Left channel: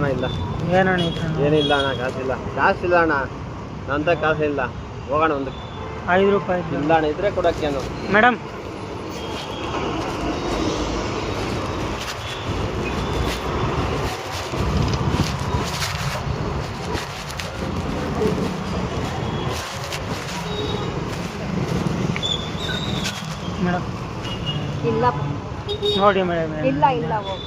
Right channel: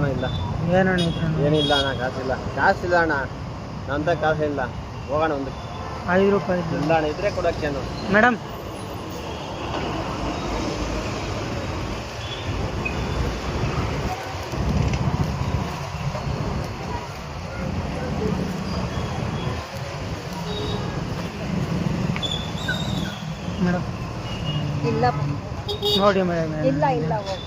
ಹೋಗೋಣ ಇಲ್ಲ ಏನಿಲ್ಲ ಅಣ್ಣ, ಕಾಸಿಲ್ಲ ಅಣ್ಣ, ನಂತ ಕಾಸಿಲ್ಲ. ಹೋಗೋಣ ಒಂದು 5 ರೂಪಾಯಿ ಇಲ್ಲ ಅಣ್ಣ, ಇದ್ರೆ ಕೊಡಕ್ಕೆ ಮೇಡಮ್. ಮೇಡಮ್ ಇಲ್ಲ ನೋಡಿ ಮೇಡಮ್. ಇಲ್ಲ ಇಲ್ಲ ಹೋಗಿ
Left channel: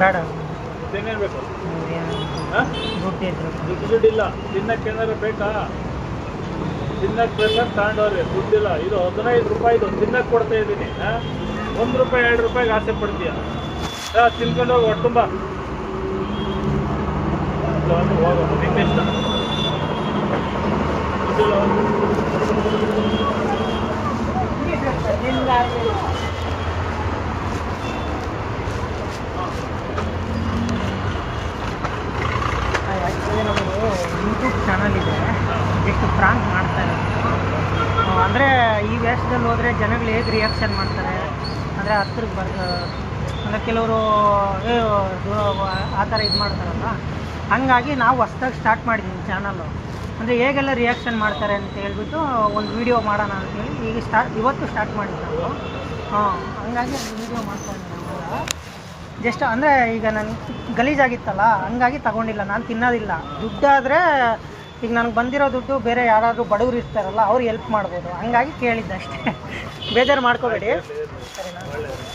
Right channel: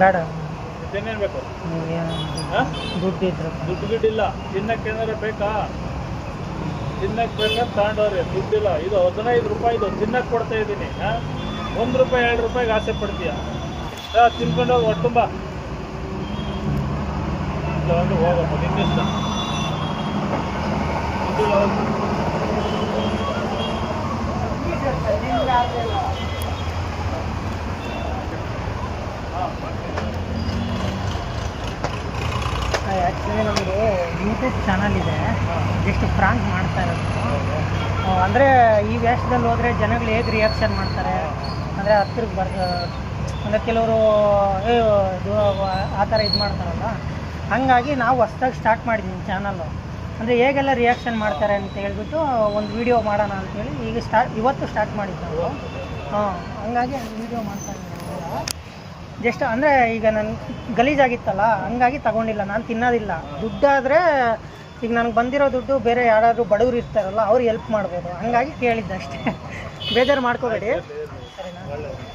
ಬೇಡ ಏನೇನು ಬೇಕು? ದುಡ್ಡು ಇದ್ರು ದುಡ್ಡಿಲ್ಲ. ತಿನ್ನಕ್ಕೆ ಏನಾರು ಬೇಕಾ? ತಿನ್ನಕ್ಕೆ ಬೇಕಾದ್ರೆ ತಗೊಂಡವ್ರಿ, ದುಡ್ಡಿಲ್ಲ. ಇದು 15 ರೂಪಾಯಿದು ತಿನ್ನಕ್ಕೆ ಕೊಡ್ತಾ ಇದ್ದೀನಿ. 1 ರೂಪಾಯಿ 2 ರೂಪಾಯಿಗೆ ಆಸೆ ಪಡ್ತೀಯ? ತಿನ್ಕೊಂಡು ಹೋಗಿ ಹೊಟ್ಟೆ ತುಂಬ ಹೋಗೋದು ನಿನ್ನಿಷ್ಟ. ಆ್ಯಕ್ಚುಲಿ ನಮಗೆ ಯೂಟ್ಯೂಬ್ ಚಾನಲ್ ಇದೆ, ಎಷ್ಟು ಫ್ರಾಂಕ್ ಮಾಡ್ತಾ ಇದೆ ಅಂದರೆ ಈ ವೇಷದಲ್ಲಿ ಹೋದರೆ ಜನಗಳು ಹೇಗೆ ರಿಯಾಕ್ಷನ್ ಮಾಡ್ತಾರೆ ಅಂದರೆ ಹತ್ತಿರಕ್ಕೆ ಅಂದರೆ ಕೆಲವರು ಆ ಥರ ಇದು ಮಾಡ್ತಾರಲ್ಲ, ಹಾಗಾಗಿ ನಾವು ಹೊಸ್ದಾಗಿ ಸ್ಟಾರ್ಟ್ ಮಾಡಿದ್ದೀವಿ ಚಾನಲ್ಲು. ಅಂದರೆ ಹೇಗೆಲ್ಲ ರಿಯಾಕ್ಷನ್ ಮಾಡ್ತಾರೆ ಅಂತ ಹೇಳ್ಬಿಟ್ಟು ಒಂದು ವೀಡಿಯೋ ಮಾಡೋಣ ಅಂತೇಳಿ ಈಗ ಇವತ್ತು ಸ್ಟಾರ್ಟ್ ಮಾಡಿದ್ದು ನಾವು. ಹಂಗಾಗಿ ಒಂದು ವೀಡಿಯೋ ಮಾಡ್ತಾಯಿದ್ದೀವಿ ನಾವು. ಜಸ್ಟ್ ಅಂದರೆ ಈಗ ನಾನು ಗಲೀಜಾಗಿತ್ತಲ್ಲ, ಹಂಗಾಗಿ ತಗೊಂಡಿಲ್ಲ. ನಾನು ತಿನ್ನೋದಿಲ್ಲ. ದುಡ್ಡಾದರೆ ಈಗ ನನಗೆ ಬಂದಿರೋ ದುಡ್ಡು ಬೇರೆ ಯಾರಾದರೂ ಬಡವರು ಇರ್ತಾರಲ್ಲ ಅವ್ರಿಗೆ ಹೆಲ್ಪ್ ಮಾಡ್ಬೋದು, ಹಂಗಾಗಿ ಕೇಳಿದ್ದೆ ಅಷ್ಟೇ. ಬೇಜಾರು ಮಾಡ್ಕೋಬೇಡಿ.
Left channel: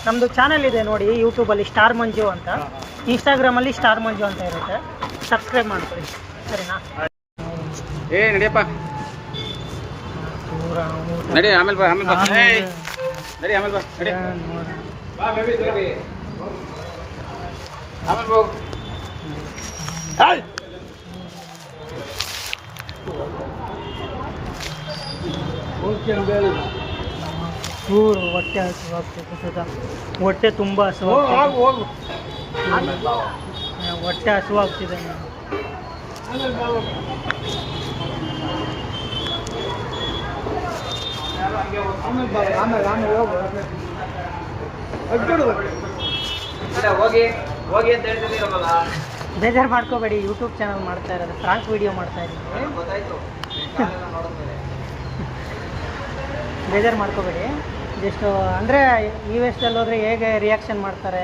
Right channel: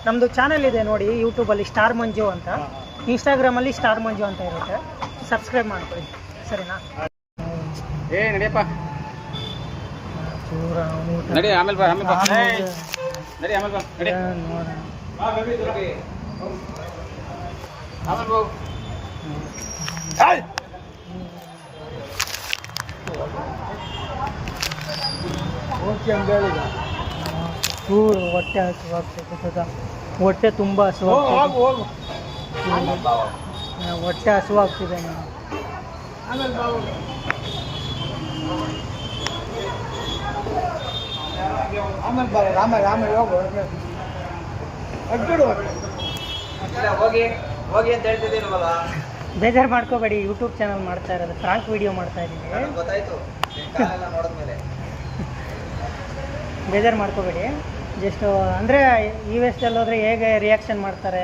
ನಮ್ಮದು ಚಾನಲ್ ಇದೆ ನೋಡಿ ಯೂಟ್ಯೂಬಲ್ಲಿ, ಸ್ಟಾರ್ ಮಂಜು ಅಂತ. ಇನ್ಸ್ಟಾಗ್ರಾಮಲ್ಲಿ ಸ್ಟಾರ್ ಮಂಜು ಅಂತ ಇರುತ್ತೆ, ಸಬ್ಸ್ಕ್ರೈಬ್ ಮಾಡ್ಕೊಳ್ಳಿ, ಸರಿನಾ? ನಡಿಯಪ್ಪ, ನಡಿ. ಆಮೇಲೆ ಬಾ, ಆಮೇಲೆ ಬಾ, ನಡಿ. ಆಮೇಲೆ ಬಾ, ನಡಿ. ಹೊಟ್ಟೆ ಹಸುವಾಗ್ತದೆ, ಹೊಟ್ಟೆ ತುಂಬ ಹಸುವಾಗ್ತದೆ, ಹೊಟ್ಟೆ ಹಸುವಾಗ್ತಿದೆ. ಆಮೇಲೆ ಹೋಗಿ ಹೋಗಿ ಅಂತ ಹೇಳ್ತಿದ್ದೀರಲ್ಲ. ಬೇಜಾರು ಮಾಡ್ಕೋಬೇಡಿ, ಯೂಟ್ಯೂಬ್ ಚಾನಲ್ ಮಾಡ್ತಾ ಇರೋದು, ಫ್ರಾಂಕ್ ವಿಡಿಯೋ ಮಾಡ್ತಾ ಇದ್ದೀನಿ. ಗೊತ್ತಾಯ್ತು, ನೋಡಿದ್ಮೇಲೆ ಬೇಜಾರು ಮಾಡ್ಕೋಬೇಡಿ. ಜಸ್ಟ್ ಅಂದರೆ ಈ ವೇಷದಲ್ಲಿ ಹೋದರೆ ಹೇಗೆ ರಿಯಾಕ್ಷನ್ ಮಾಡ್ತಾರೆ,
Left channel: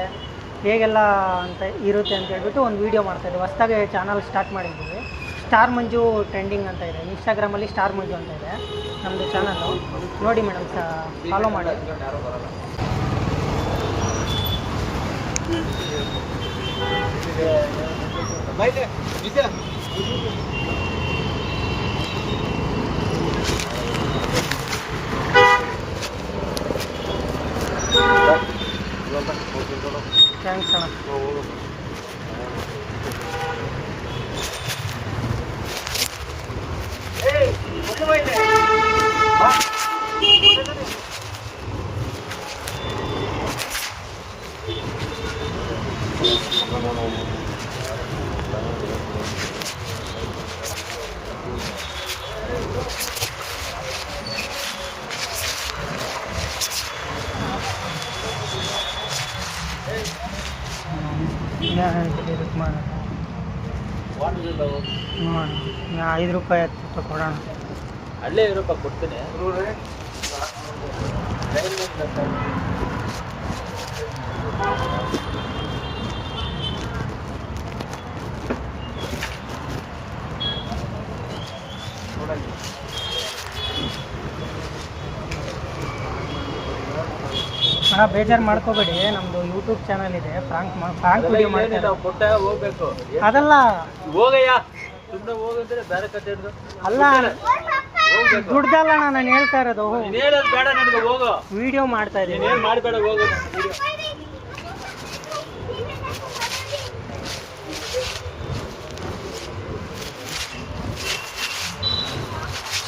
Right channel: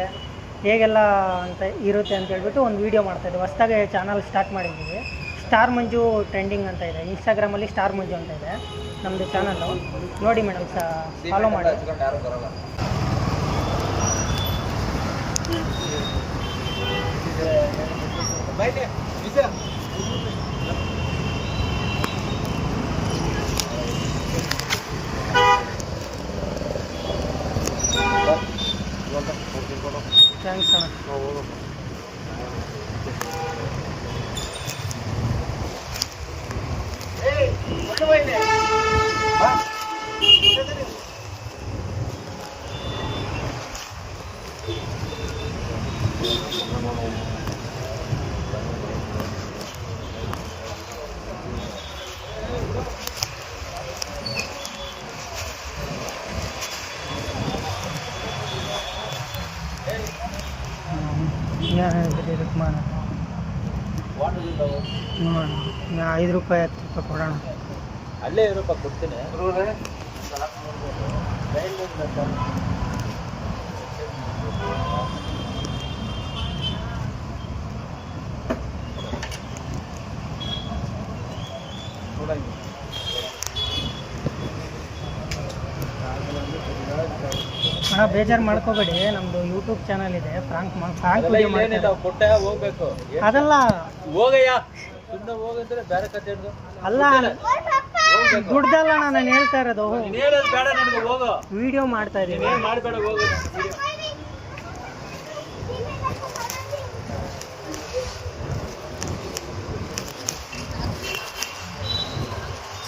ಹೇಗೆಲ್ಲ ಅಂತ ಇರುತ್ತೆ ಅಂತ ಹೇಳ್ಬಿಟ್ಟು ಒಂದು ವೀಡಿಯೋ ಮಾಡ್ತಾಯಿದ್ದೆ. ಹೊಸ್ದಾಗಿ ಚಾನಲ್ ಸ್ಟಾರ್ಟ್ ಮಾಡಿದ್ದೀವಿ. ಸ್ಟಾರ್ ಮಂಜು ಟ್ರೆಂಡಿಂಗ್ ಅಂತ ಇದೆ, ಇನ್ಸ್ಟಾಗ್ರಾಮಲ್ಲಿ ಸ್ಟಾರ್ ಮಂಜು ಅಂತ ಇದೆ ನಮ್ಮದು ಚಾನಲ್ಲು. ನೋಡಿ ಮೇಡಮ್, ಫಾಲೋ ಮಾಡಿ. ಯಾರು ಬರಲ್ಲ. ಥ್ಯಾಂಕ್ಸ್ ಅಣ್ಣ. ಮಾಡೋಣ 5 ರೂಪಾಯಿ 10 ರೂಪಾಯಿ ಕೊಡೋಣ. ಅಲ್ಲೇ 5 ರೂಪಾಯಿ ಕೊಡ್ತೀನಿ. ಅಣ್ಣ ಬೇಜಾರು ಮಾಡ್ಕೋಬೇಡಿ, ನಮ್ಮದು ಯೂಟ್ಯೂಬ್ ಚಾನಲ್ ಇದೆ, ಫ್ರಾಂಕ್ ವಿಡಿಯೋ ಮಾಡ್ತಾ ಕೊಟ್ಟ ಹೋಗ್ಬೇಕು ಅದಲ್ಲ ಹೋಗಯ್ಯ ಸುಮ್ಮನೆ ಹೋಗಿದ್ರೆ ಬೇರೆ ಕತೆ ಹಿಡ್ದು ಅಲ್ಲ ದುಡ್ಡಲ್ಲ ನಾನು ಹೇಳ್ತಾ ಇರೋದು, ಹೇಳೋದು ಬೇಡ ನನಗೆ ಹೋಗೋ ವಿಡಿಯೋ ಮಾಡ್ತಾ ಇದ್ದೀನಿ. ಮಾಡಬೇಡ ಹೋಗು.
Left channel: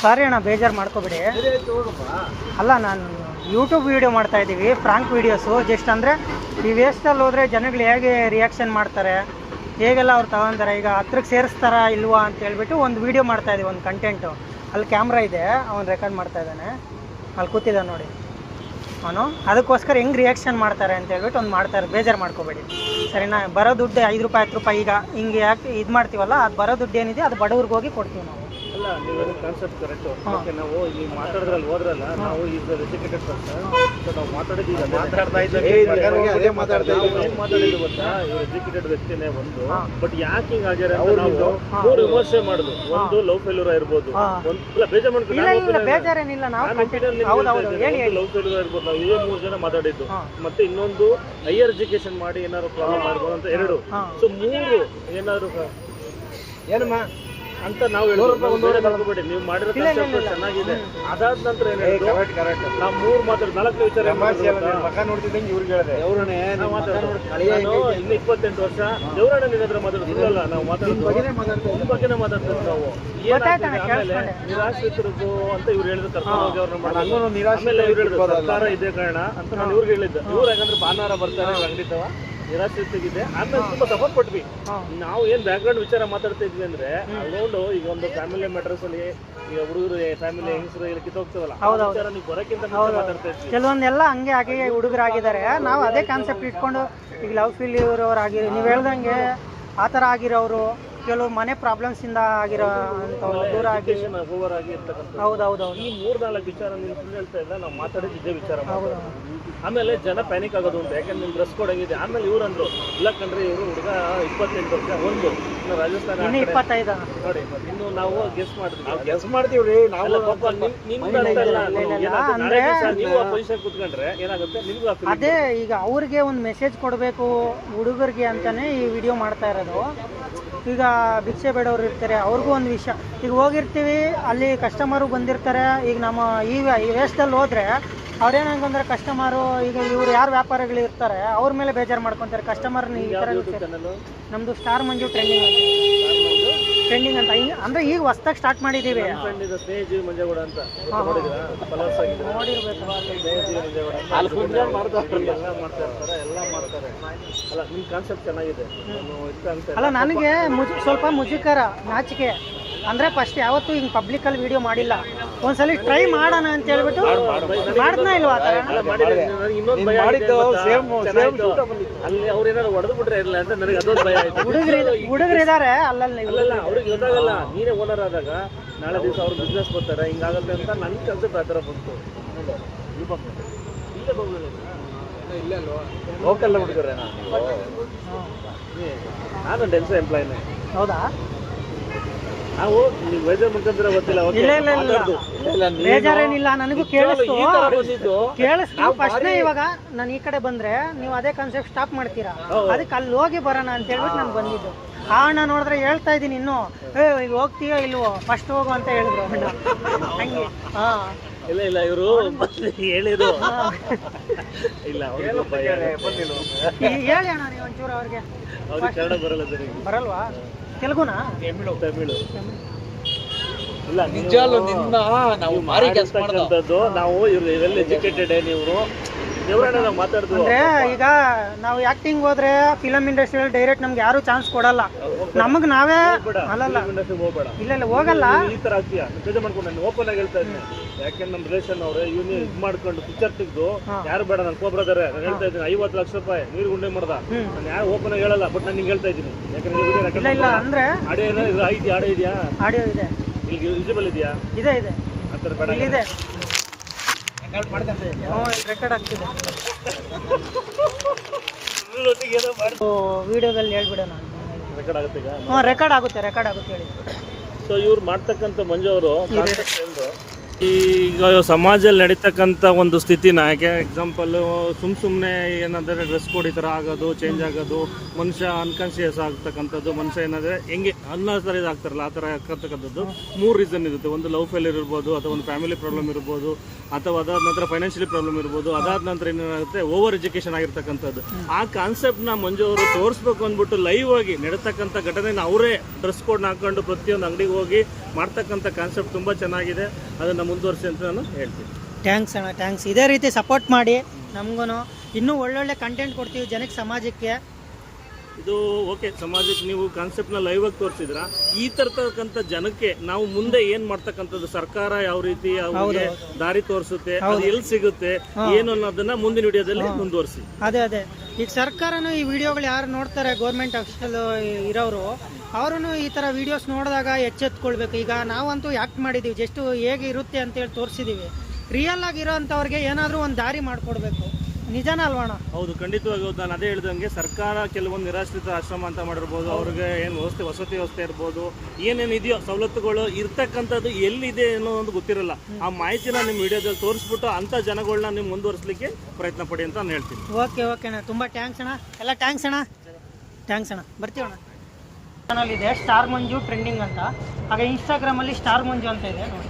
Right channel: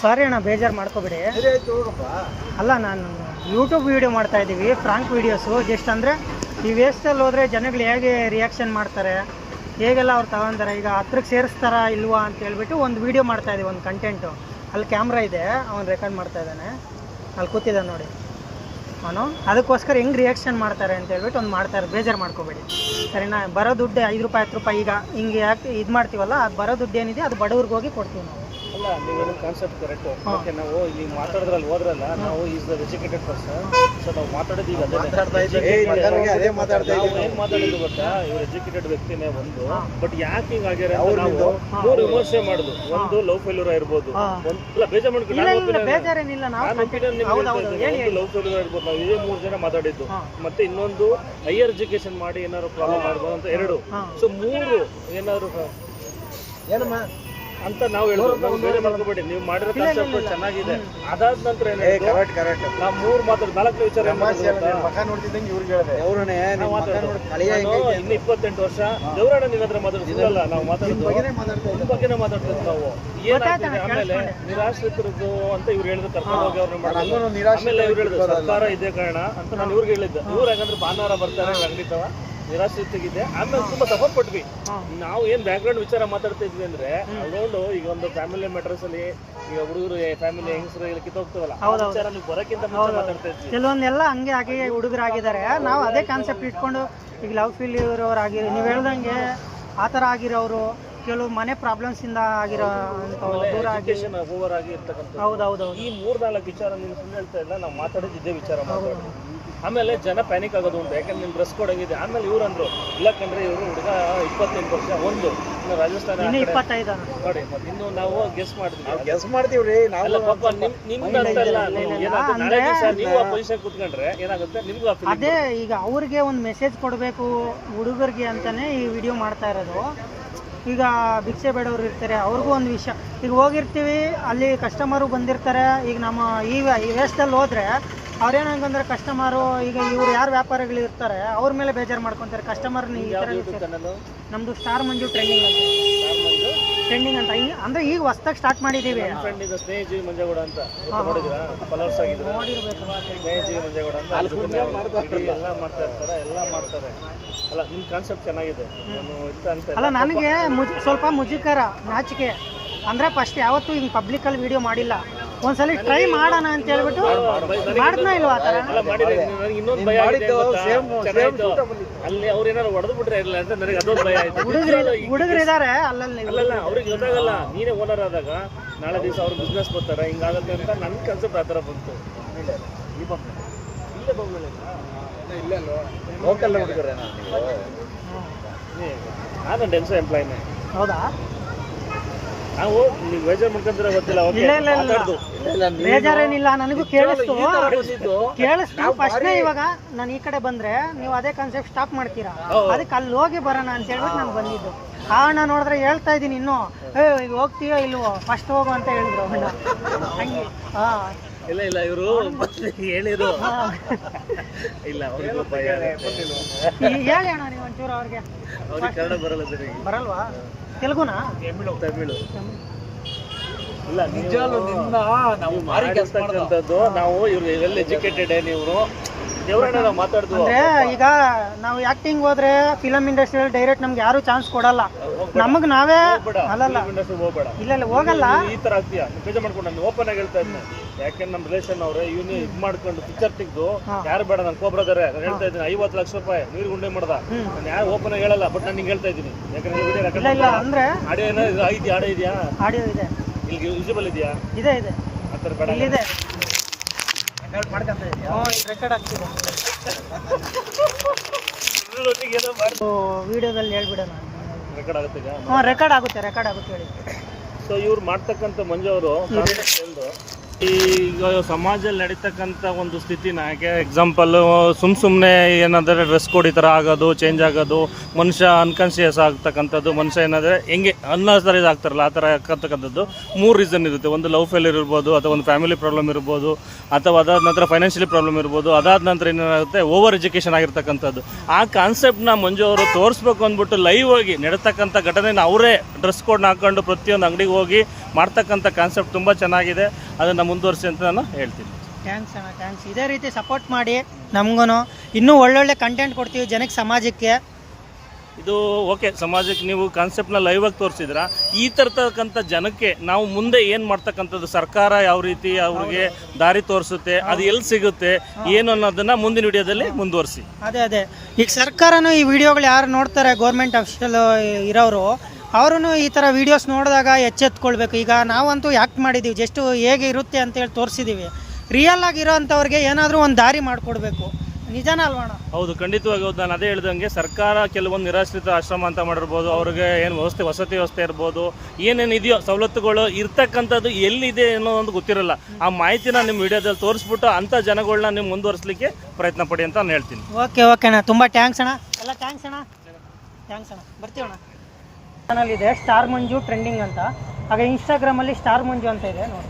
ಸಾರಿ ಅಣ್ಣ ಬೇಜಾರು ಮಾಡ್ಕೋಬೇಡಿ. ಅಲ್ಲ ನಾನು ಯೂಟ್ಯೂಬ್ ವೀಡಿಯೋ ಮಾಡ್ತಾ ಇದ್ದೀವಿ, ಫ್ರಾಂಕ್ ವೀಡಿಯೋಸು. ಜಸ್ಟ್ ಅಂದರೆ ಈ ವೇಸ್ಟಲ್ಲಿ ಹೋದರೆ ಜನಗಳು ಹೇಗೆ ರಿಯಾಕ್ಷನ್ ಮಾಡ್ತಾರೆ, ಹೇಗೆಲ್ಲ ಅವ್ರು ತಗೊಂತಾರೆ, ಈಗ ಹತ್ರಕ್ಕೆ ಸೇರಿಸ್ತಾರ ಇಲ್ವಾ ಅಂತ ಹೇಳ್ಬಿಟ್ಟು ಒಂದು ವೀಡಿಯೋ ಮಾಡ್ತಾ ಇದ್ದೀವಿ, ಒಂದು ಕಂಟೆಂಟು. ಅಲ್ಲಿ ಕ್ಯಾಮ್ರಾ ಇದೆ, ಅವ್ನು ರೆಕಾರ್ಡ್ ಮಾಡ್ತಾ ಇದ್ದಾನೆ, ಅಲ್ಲಿ ಕೂತಿದ್ದಾನೆ ನೋಡಿ ಅವನು. ಅದಕ್ಕೋಸ್ಕರ ಹೆಂಗೆ ರಿಯಾಕ್ಷನ್ ಮಾಡ್ತಾರೆ ಅಂತ ಹೇಳ್ಬಿಟ್ಟು ಒಂದು ಮಾಡ್ತಾರೆ, ಬೇಜಾರು ಮಾಡ್ಕೋಬೇಡಿ ಸರಿನಾ. ಬರೋ ದುಡ್ಡು 5 ರೂಪಾಯಿ 10 ರೂಪಾಯಿ ಈಗ ಹಿಂಗೆ ಯಾಕೆ ಇದು ಮಾಡ್ತೀವಲ್ಲ, ಅದು ಬರೋ ದುಡ್ಡು ಏನಿದೆ ಅದು ಬಡವ್ರಿಗೆ ಹೋಗಿ ಕೊಡ್ತೀವಿ ನಾವು. ಅಲ್ಲ ನೀವು ಕಾನ್ಸೆಪ್ಟ್ ಕರೆಕ್ಟ್. ಓಕೆ, ನಾವು ನೀವು ಮಾತಾಡಿದ್ರಲ್ಲಿ ಹೋದ್ರಲ್ಲ, ನಾವು is the educated person. So ನಾವು ಮಾತಾಡಿದ್ದು ಈಗ ಏನು ಮಾತಾಡಿದ್ದು ಗೊತ್ತಾ, ಇವ್ರು ಎಜುಕೇಟೆಡ್ ವ್ಯಕ್ತಿನೇ ಒಂದು. ಬಟ್ ಯಾಕೆ ಹಿಂಗೆ ಆಗ್ಯಾರ ಅಂತ ನಾವು 3 ವಿಮರ್ಶೆ ಮಾಡುದು. ಒಂದು ಲವ್ ಫೇಲ್ಯೂರ್ ಇರ್ಬೋದು, ಒಂದು ಬೇಜಾರು ಮಾಡ್ಕೊಂಡು ಬೇಜಾರೇನಿಲ್ಲ, ನಾನು ಒಪಿನಿಯನ್ ನಿಮ್ಗೆ ಹೇಳ್ತಾ ಇದ್ದೇನೆ. ಒಂದು ಲವ್ ಫೇಲ್ಯೂರ್ ಇರ್ಬೋದು, ನಾವು ಇದೇ 3 ಜನ ಮಾತಾಡಿದ್ದು. ಮತ್ತೆ ಇನ್ನೊಂದು ಹೈಯರ್ ಎಜುಕೇಶನ್ ಮಾಡಿ ಏನಾದ್ರು ಪ್ರಾಬ್ಲಮ್ ಆಗಿರ್ಬೋದು ಅಂತ 2. ಸೊ 3 ಏನಾದ್ರು ಏನಮ್ಮ ಅಂತ ನಾವು ಹೇಳ್ಬೇಡಿ. ನೀವು ಮಾಡಿರೋ ಕಾನ್ಸೆಪ್ಟ್ ಚೆನ್ನಾಗಿದೆ. ಅದಾದ ನಂತರ ಏನು ನಾವು 3 ಮಾತಾಡೋದು 4 ವಿಚಾರ ಇನ್ನು 28 ವರ್ಷ ದೇವರಣ್ಣ ನಿನ್ನ ಹತ್ರ ಮಾತಾಡೋದಿಲ್ಲ. ನಾವು ಮಾತಾಡೋದು ಬಗ್ಗೆನೇ ಮಾತಾಡ್ತಿದ್ವಿ ನಾವು. ಏನಾಗ್ತದೆ ಆಮೇಲೆ ನಿರಾಶ್ರಿತರದ್ದು ಅಂತ ಇವ್ರು ಹೇಳಿದ್ರು, ಕರ್ಕೊಂಡು ಹೋಗಿ ಅವ್ರನ್ನ ಮಾಡೋದು. ಆಮೇಲೆ ಇವ್ರು ಹೇಳಿದ್ರು ಸರ್ಕಾರ ಇದೇ ಕಾರಣ ಅಂತ ನಾನು ಇವ್ರಿಗೆ ಹೇಳಿದ್ದೆ. ಇವ್ರು ಯಾಕಂದ್ರೆ ಭಾನುವಾರ ಬರ್ತಾರೆ ಅಂಗಡಿತವ ನಿರಾಶ್ರಿತಿಗಿದೆ. ಆಮೇಲೆ ತುಂಬಾ ಸಪೋರ್ಟ್ ಕೊಟ್ವಿ. ನಾವು ಏನ್ ಬ್ಯಾಕ್ ಗ್ರೌಂಡ್ ವಿಚಾರ ಮಾತಾಡ್ತಾ ಇದ್ವಿ ಅಂದ್ರೆ, ಅಲ್ಲೊಂದು ಈಗ ಒಂದು ಫ್ಯಾಮಿಲಿ ಮ್ಯಾಟರ್ಸ್ ಅಲ್ಲಿ ಈಗ ಹುಡುಗರು ಫ್ಯಾಮಿಲಿ ಹೆಂಗಸರು ಇಲ್ಲಿ ಕಿತ್ತೋಗ್ತೀವಲ್ಲ, ಆ ವಿಚಾರ ನೀವು ಬರೋಕ್ಕಿಂತ ಮುಂಚೆ ಮಾತಾಡ್ತಾ ಇದ್ವಿ. ಕೆಲವೊಂದೆಲ್ಲ ಹಂಗೆ ಹಾಗೆ ಹುಡುಗರಾಗಿದ್ದಾರೆ. ನಾವು ಅದೇ ಕಾನ್ಸೆಪ್ಟ್ ಇಟ್ಕೊಂಡು ಈಗ ಲವ್ ಫೇಲ್ಯೂರ್ ಆಗಿರೋ, ನೀವು ಹೇಳ್ದಂಗೆ ಆ ಥರ ಆಗಿರೋರು, ಕೆಲವು ಮನೆ ಪ್ರಾಬ್ಲಮ್ಸ್ ಇಂದ ಆಗಿರೋ ಎಜುಕೇಶನ್ ಓವರ್ ಆಗಿ ಇರ್ತಕ್ಕಂಥ. ಹೌದೌದು. ಈ 3-4 ವಿಚಾರ ನೀವು ಸುಳ್ಳು ಹೇಳ್ತಾ ಇಲ್ಲ, ನಾವು ಮಾತಾಡಿದ್ದು ಇದೇ ವಿಚಾರ ಮಾತಾಡೋದು. ಆಮೇಲೆ ಜನ ಪ್ಯಾನಿಕ್ ಆಗೋದು ಅಂತ, ಯಾಕಂದ್ರೆ ನಿಮ್ ಡ್ರೆಸ್ ಕೋಡ್ ಆಗಿದೆ. ಆಮೇಲೆ ಇವ್ರು ಅಂದ್ರು ಇಲ್ಲ ಕಣ್ರಿ, ಇವರು ಹುಡುಗ 28 ವರ್ಷ, ಒಂದು ಇನ್ನು ರಾಜಸ್ಥಾನ 25 ನೋಡಿ. ಮತ್ತೆ ಇನ್ನು ನಾವು ಗೆಸ್ ಮಾಡ್ತೀವಿ ಪಾಪ ನಿಮ್ದಂತಲ್ಲ. ಏನಾಗುತ್ತೆ ನಾಳೆ ದಿವಸ ನೀವು ಆ ಪೊಸಿಷನ್ ಕೂತ್ಕೊಂಡ್ರೆ ಏನಾಗುತ್ತೆ ನಿಮ್ಗೂ ಆ ಫೀಲಿಂಗ್. ಅದೇ ಈಗ ಅವ್ರಿಗೆ ಒಂದು ಮೆಸೇಜ್ ಕೊಡಬೇಕು ಹುಡುಗರಿಗೆ ಅಂತಾನೆ ಈ ವಿಡಿಯೋ ಮಾಡ್ತಾ ಇರೋದು. ಈಗ ಭಿಕ್ಷೆ ಬೇಡವ್ರು ಇರ್ತಾರೆ, ಅವ್ರಿಗೂ ಒಂದು ವಿಷಯ. ಈಗ ಹೋಗಿರ್ತೀವಿ, ಅಲ್ಲಿ ಕಸ್ಟಮರು ಬಂದಿರ್ತಾರೆ. ಈಗ ನಮ್ಮ ಈ ವೇಸ್ಟಲ್ಲಿ ಹೋದರೆ ಅವ್ರೇನಂತಂದ್ರೆ ಕಸ್ಟಮರು, ಈಗ ಇವ್ರು ಯಾರು ವ್ಯಾಪಾರಿಗಳು ಇರ್ತಾರೆ ಅವ್ರ ಮೇಲೆ ಬೇಜಾರು ಮಾಡ್ಕೊತಾರೆ. ಕಸ್ಟಮರ್ ನಮ್ಮದು ಸ್ಟಾರ್ ಮಂಜು ಟ್ರೆಂಡಿಂಗ್ ಅಂತ ಅಂದರೆ ಈಗ ಹೊಸ್ದಾಗಿ ಸ್ಟಾರ್ಟ್ ಮಾಡಿದ್ದೀವಿ. ಸ್ನೇಹಜೀವಿ ಮಂಜೇಗೌಡ ಅಂತ ನೋಡಿದ್ದೀರಾ, ಫಾಲೋವರ್ಸ್ ಆಗಿದ್ದೀರಾ? ಸ್ನೇಹಜೀವಿ ಮಂಜೇಗೌಡ ಅಂತ ಎಲ್ಲ ಮಾಡ್ತಾ ಇರ್ತಾರೆ, ಎಲ್ಲ ಮಾಡ್ತಾರೆ. ಅಲ್ಲ ನಿಮ್ಮ ಕಾನ್ಸೆಪ್ಟ್ ಚೆನ್ನಾಗಿದೆ. ನಾನು ಇಷ್ಟ ಅಂತ ಅಲ್ಲ, ನನಗೆ ಸ್ವಲ್ಪ ಮುಜುಗರ, ನಾಚಿಕೆ. ಅಂದರೆ ಫಸ್ಟ್ ಯಾವತ್ತೂ ಹಿಂಗೆ ಪಬ್ಲಿಕಲ್ಲಿ ವಿಡಿಯೋ ಮಾಡಿಲ್ಲ. ಒಂದ್ಸಲ ಟ್ರೈ ಮಾಡೋಣ ಅಂತ ಹೇಳ್ಬಿಟ್ಟು ಮಾಡಿದ್ನೇ ಇಲ್ವಾ? ಇನ್ನೊಂದು ಭಯ ಅಲ್ಲಿ ಅವ್ರು ಏನಾದ್ರು ಹೊಡೆದು ಬಿಟ್ರೆ ಇರಲ್ಲ ಅಂತ ನನಗೆ ಅದೊಂದು ಭಯ ಆಯ್ತು. ಹುಡುಗರು ಇದ್ದಾರೆ ಅಲ್ಲಲ್ಲಿ. ಅಲ್ಲಲ್ಲ, ಅವ್ರಿಗೆ ಗೊತ್ತಾಗಲ್ಲ. ನೀನೇ ಓನರ್ ಆದಾಗ ನಾಳೆ ದಿವಸ ಅವ್ರು ಬಿಸ್ನೆಸ್ ಬರ್ತಾರೆ, ಹಿಂಗಾಗುತ್ತೆ ಅಂತ ನನ್ನ ಕಾನ್ಸೆಪ್ಟ್ ಆ ಥರ ಬಂತು. ಇಲ್ಲೇ ಇಲ್ಲ ಅಲ್ವಾ, ಲೋಕಲ್ ಹುಡುಗರೇ. ನಾನು ಡೆನ್ಸೋ ಎಂಪ್ಲಾಯ್ನೇ. ಹೌದಾ? ನಾವು ನೀವು ಬೇಜಾರು ಮಾಡ್ಕೊಂಡ್ರೆ ಗೊತ್ತಿಲ್ಲ. ಬೇಜಾರೇನಿಲ್ಲ, ನನಗೂ ಕೇಳಿಸ್ತು. ಫಸ್ಟ್ ಇವಾಗ ನಾನು ಈ ಕಡೆ ಬಂದ್ರೆ ನೀವು ಅದೇ ಕಾನ್ಸೆಪ್ಟ್ ಸ್ಟಾಪ್ ಮಾಡ್ತೀರಾ, ಅದಕ್ಕೆ ಅಲ್ಲಿ ಹೋಗಿ ಬರೋಣ ಅಂತ ಹೇಳ್ಬಿಟ್ಟು ನಾನು ಬಂದಿದ್ದು. ಕಾರಣ ನೋಡಿದ್ರೆ ಹೇಳ್ತಾ ಇದ್ದೀನಿ ಇನ್ನು, ಈಗ ಹೋಗ್ತೀಯಾ ಇಲ್ವೋ, ಫಸ್ಟ್ ಹೋಗು ಅಂತ ಹೇಳಿದ್ರು. ಹಂಗೆ ಇಲ್ಲ ಇಲ್ಲ, ಇವರು ಹೇಳಿದ್ರು. ಇಲ್ಲ ಹೇಳೋಣ ನೀವು ಒಂಚೂರು ಅವ್ರಿಗೆ. ಕನ್ನಡ ಬರಲ್ಲ ಸರಿ. ಬರಲ್ವಾ? ತೆಲುಗುನಾ? ತಮಿಳು. ಇಲ್ಲ ನಿಜಾಲು ನಿನ್ನ ನಾವು ಮಾಡಿರ್ತಕ್ಕಂಥದ್ದು. ನಾವು ಇವ್ರು ವೆಲ್ ಎಜುಕೇಟೆಡ್. ನೀವು ದೇವರಣ್ಣ ನಾವು ಮಾತಾಡ್ತೀವಿ. ಈಗ ನಾವು ಆಕ್ಟಿಂಗ್ ಹೋದ್ರೆ ಫಿಲಮ್ ಇಂಡಸ್ಟ್ರಿಯಲ್ಲಿ ಡೈರೆಕ್ಟ್ ನಮ್ಗೆ ಯಾರು ಚಾನ್ಸ್ ಕೊಡಲ್ಲ. ನಮಗೆ ನಾವೇ ಅಲ್ಲಲ್ಲ, ಹೋಗ್ಬೇಡ. ಇಲ್ಲ ಹೋಗಲ್ಲ. ಈ ತರ ಆಗ್ತೀಯಾ? ಬೇಜಾರು ಮಾಡ್ಕೊಂಡು ನಾನು ಓಪನ್ ಆಗಿ ಹೇಳ್ತಾ ಇದ್ದೀನಿ. ಯಾಕೆಂದ್ರೆ ನಮ್ಮ ರಿಲೇಷನ್ ಅವ್ರೆ ಇವ್ನು ಇದು ಮಾಡ್ಕೊಂಡು ಪಿಕ್ಚರ್ ತೆಗೆದು ಯಾರು ಬೇಡ ನನ್ ಕೋಬ್ರದಾರೆ ನಾನು ಹೇಳ್ತಾ ಇದ್ದೀನಿ. 50 ಲಕ್ಷ ರೂಪಾಯಿ ನೀರು ಗುಂಡೆ ಮಾಡ್ದ. ನಾನು ಯಾರು ಓಪನ್ ಆಗಿ ಹೇಳಲ್ಲ, ಬಟ್ ನಾನು ನಿಂಗೆ ಹೇಳ್ತಾ ಇದ್ದೀನಿ. ಯಾಕಂದ್ರೆ ವಿಡಿಯೋ ಅಂದ್ರೆ ಆಡಿಯೋ ಏನಾದ್ರು ಆಡಿಯೋ ಇದೆಯಾ? ಆಡಿಯೋ ಇದೆ, ಇಲ್ಲಿ ವಿಸಿಬಲ್ ಇದೆಯಾ? ಇದೆ ಆ ಥರ ಬೇಡ. ಇದೆ, ರೆಕಾರ್ಡ್ ಆಗ್ತಿದೆ. ವಿಡಿಯೋದಲ್ಲಿ ಹೇಳ್ಬಿಡೋಣ. ರೆಕಾರ್ಡ್ ಆಗುತ್ತೆ ಈಗ? ರೆಕಾರ್ಡ್ ಆಗುತ್ತೆ ಹೇಳಿ. ಸೊ ಇವ್ರು ಮಾಡ್ತಕ್ಕಂಥ ಮಂಜು ಅವರು ಈಗ ಸಮಾಜದಲ್ಲಿ ನಡೀತಕ್ಕಂಥ ಒಂದು ಸ್ಥಿತಿನ ಎಕ್ಸಾಂಪಲ್ಲು ಸುಮ್ಮನೆ ಏನಾದರೆ ಡ್ರೆಸ್ ಕೋಡ್ ಈ ಥರ ಆಗೋದು ಚೇಂಜ್ ಆಗೋದು, ಮನುಷ್ಯ ಅನ್ಕಾನ್ಷಿಯಸ್ ಆಗ್ತಕ್ಕಂಥದ್ದು, ಮನುಷ್ಯ ಏನಾದರೆ ಹೆಂಗೆ ಅನ್ನೋಥರ ಆಗ್ತಾರಲ್ಲ ಆ ಥರ ಆಗ್ತಕ್ಕಂಥದ್ದು 3 ರೀಸನ್ ಇರುತ್ತೆ. ಒಂದು ಲವ್ ಫೇಲ್ಯೂರ್ ಇರ್ಬೋದು, ಅಥವಾ ಒಂದು ಫ್ಯಾಮಿಲಿ ಪ್ರಾಬ್ಲಮ್ ಇರ್ಬೋದು, ಅಥವಾ ಅದಾದ ನಂತರ ಫೈನಾನ್ಷಿಯಲಿ ಪ್ರಾಬ್ಲಮ್ ಇರ್ಬೋದು, ಅದಾದ ನಂತರ ಏನಾಗುತ್ತೆ ಓವರ್ ಎಜುಕೇಷನ್ ಆಗಿರ್ತಕ್ಕಂಥದ್ದು. ಆ ಕಾನ್ಸೆಪ್ಟ್ನ ಮಂಜು ಅವರು ತೋರಿಸ್ಬೇಕು ಅಂದ್ಬಿಟ್ಟು ಲೈವ್ ಆಗಿ ನಡೀತಕ್ಕಂಥ ಘಟನೆನ ಅವರೇ ಡ್ರೆಸ್ ಕೋಡ್ನ ಹಾಕೊಂಡು ಪ್ರತಿಯೊಂದು ಅಂಗಡಿಗೆ ಹೋಗಿ ಮಾಡ್ತಕ್ಕಂಥ ಕಾನ್ಸೆಪ್ಟ್ ತುಂಬ ಚೆನ್ನಾಗಿದೆ. ಅದನ್ನು ಮುಂದುವರಿಸಿ ಅಂತ ನಾನು ಹೇಳ್ತೀನಿ. ಥ್ಯಾಂಕ್ಸ್ ಅಣ್ಣ, ಥ್ಯಾಂಕ್ಸ್. ಇದೇ ರೀತಿ ಸಪೋರ್ಟ್ ಮಾಡಿ ನಮಗೂ ಇನ್ನೂ ಒಳ್ಳೊಳ್ಳೆ ಕಂಟೆಂಟ್ ಕೊಡ್ತೀವಿ ಜನಕ್ಕೆ, ಸಮಾಜಕ್ಕೆ. ಇದು ಓಕೆ, ಸಮಾಜಕ್ಕೆ ನೀವು ಕಾನ್ಸೆಪ್ಟ್ನ ಲೈವ್ ಆಗಿ ತೋರಿಸಿದ್ರ, ಈ ತರತಕ್ಕಂಥ ಜನಕ್ಕೆ ನಾವು ಮುಂದೆ ಏನು ಮಾಡ್ತಕ್ಕಂಥದ್ದು, ಸರ್ಕಾರ ಯಾವ ರೀತಿ ಅವ್ರಿಗೆ ದಾರಿ ತೋರಿಸುತ್ತೆ, ಅದು ಎಲ್ಲಿ ಸಿಗುತ್ತೆ ಏನು ಅನ್ನೋದನ್ನ ಮುಂದಿನ ವಿಡಿಯೋದಲ್ಲಿ ಮುಂದುವರಿಸಿ. ಅದೇ ಈಗ ಸರ್ಕಾರನೂ ಈ ವಿಡಿಯೋಗಳು ಯಾರು ನೋಡ್ತಾರೆ, ಗೌರ್ಮೆಂಟ್ ಅಫಿಷಿಯಲ್ ಇರೋರು, ಅವರು ಈ ಥರ ವೀಡಿಯೋಸ್ ನೋಡಿದಾಗ ಎಚ್ಚೆತ್ಕೊಳ್ಬೇಕು. ಈಗ ನಾವಂತೂ ಯಾಕೆ ಮಾಡಿದ್ದೀವಿ, ಜಸ್ಟ್ ಹೇಗೆ ಇರುತ್ತೆ ಅಂತೇಳಿ ತೋರಿಸಿದ್ದೀವಿ. ರಿಯಲ್ ಆಗಿರೋ ಅಂಥವ್ರಿಗೆ ಏನಾದರೂ ಒಂದು ದಾರಿ ಮಾಡಿಕೊಡ್ಬೇಕು. ನಿಜಾನ ಅಲ್ವಣ? ಹೌದು, ಖಂಡಿತವಾಗಿ ಹೌದು. ನಾನು ಅದೇ ಹೇಳ್ದಂಗೆ ಸರ್ಕಾರ ಕೆಲವೊಂದು ನಿರಾಶ್ರಿತ ಆಶ್ರಮ ಅಂತ ಮಾಡಿರ್ಬೋದು, ಅವ್ರಿಗೆ ಏನು ವಸತಿ ವ್ಯವಸ್ಥೆ ಇರ್ಬೋದು, ಏನೇನು ಇದೆಯೋ ಸವಲತ್ತುಗಳು ಇರ್ತಕ್ಕಂಥದ್ದು ಎಲ್ಲಿದೆ ಅನ್ನೋ ಒಂದು ಗೊತ್ತಿರಲ್ಲ. ಆ ಮಾಹಿತಿನ ನಿಮ್ಮ ವಿಡಿಯೋದಲ್ಲಿ ತೋರಿಸ್ಬಿಟ್ಟು ಅಂಥ ಜನಗಳನ್ನ ನೀವು ಮುಂದುವರಿಸಲಿಕ್ಕೆ ಪ್ರಯತ್ನ ಪಡಿ ಅಂತ ನಾನು ಹೇಳ್ತೀನಿ. ಓಕೆ ಅಣ್ಣ, ತುಂಬ ಥ್ಯಾಂಕ್ಸ್ ಅಣ್ಣ. ಎಲ್ಲ ಥ್ಯಾಂಕ್ಸ್ ಅಣ್ಣ. ಬರ್ತೀವಣ್ಣ. ಚಾನಲ್ ಇದೆ ಸ್ಟಾರ್ ಮಂಜು ಟ್ರೆಂಡಿಂಗ್ ಅಂತ, ಹಾಗೆ ಇನ್ಸ್ಟಾಗ್ರಾಮಲ್ಲಿ ಸ್ಟಾರ್ ಮಂಜು ಅಂತ ಇದೆ ನೋಡಿ.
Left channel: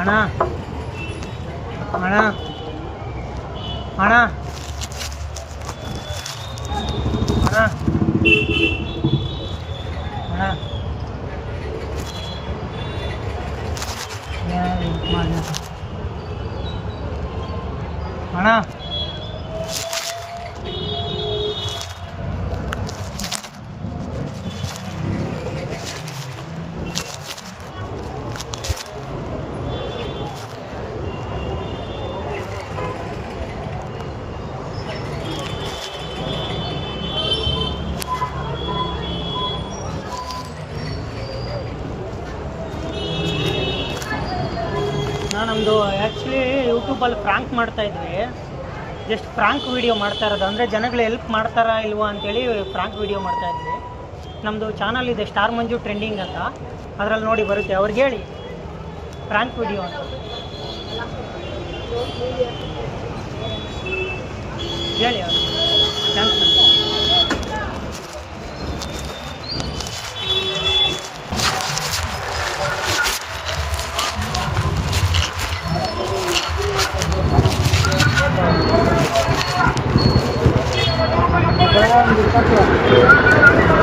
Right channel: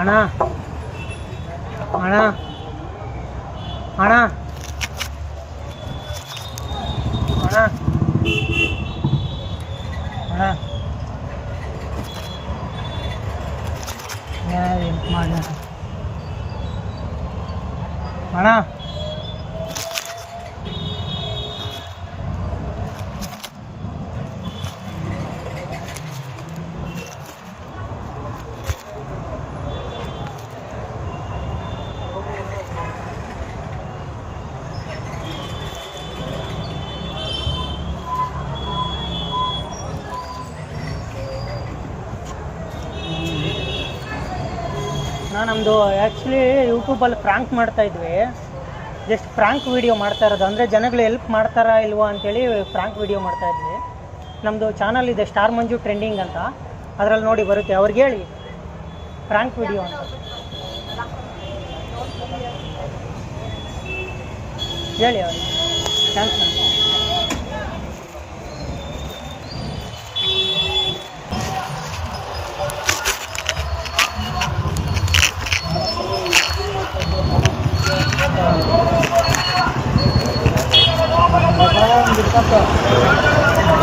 ಅಣ್ಣ ಅಣ್ಣ ಅಣ್ಣ ಅಣ್ಣ ಅಣ್ಣ ಅಣ್ಣ ನಮ್ಮದು ಆ್ಯಕ್ಚುಲಿ ಯೂಟ್ಯೂಬಲ್ಲಿ ಫ್ರಾಂಕ್ ಮಾಡ್ತಾಯಿದ್ವಿ. ಜಸ್ಟ್ ಫ್ರಾಂಕ್ ವೀಡಿಯೋ ಮಾಡ್ತಾ ಇರೋದು, ಅಂದರೆ ಜನಗಳು ಹೆಲ್ಪ್ ಮಾಡ್ತಾರಾ ಇಲ್ವಾ ಅಂತೇಳಿ ಫ್ರಾಂಕ್ ವೀಡಿಯೋ ಮಾಡ್ತಾಯಿದ್ವಿ. ನಮ್ಮದು ಚಾನಲ್ ಇದೆ ಸ್ಟಾರ್ ಮಂಜು ಟ್ರೆಂಡಿಂಗ್ ಅಂತ, ಅದರಲ್ಲಿ ನೋಡಿ ಬರುತ್ತೆ. ಅವ್ರಿಗೆ ಹೇಳಿ ಫ್ರಾಂಕ್ ವೀಡಿಯೋ ಅಂತ ಹೇಳಿ ಅವ್ರು. ಥ್ಯಾಂಕ್ಸ್.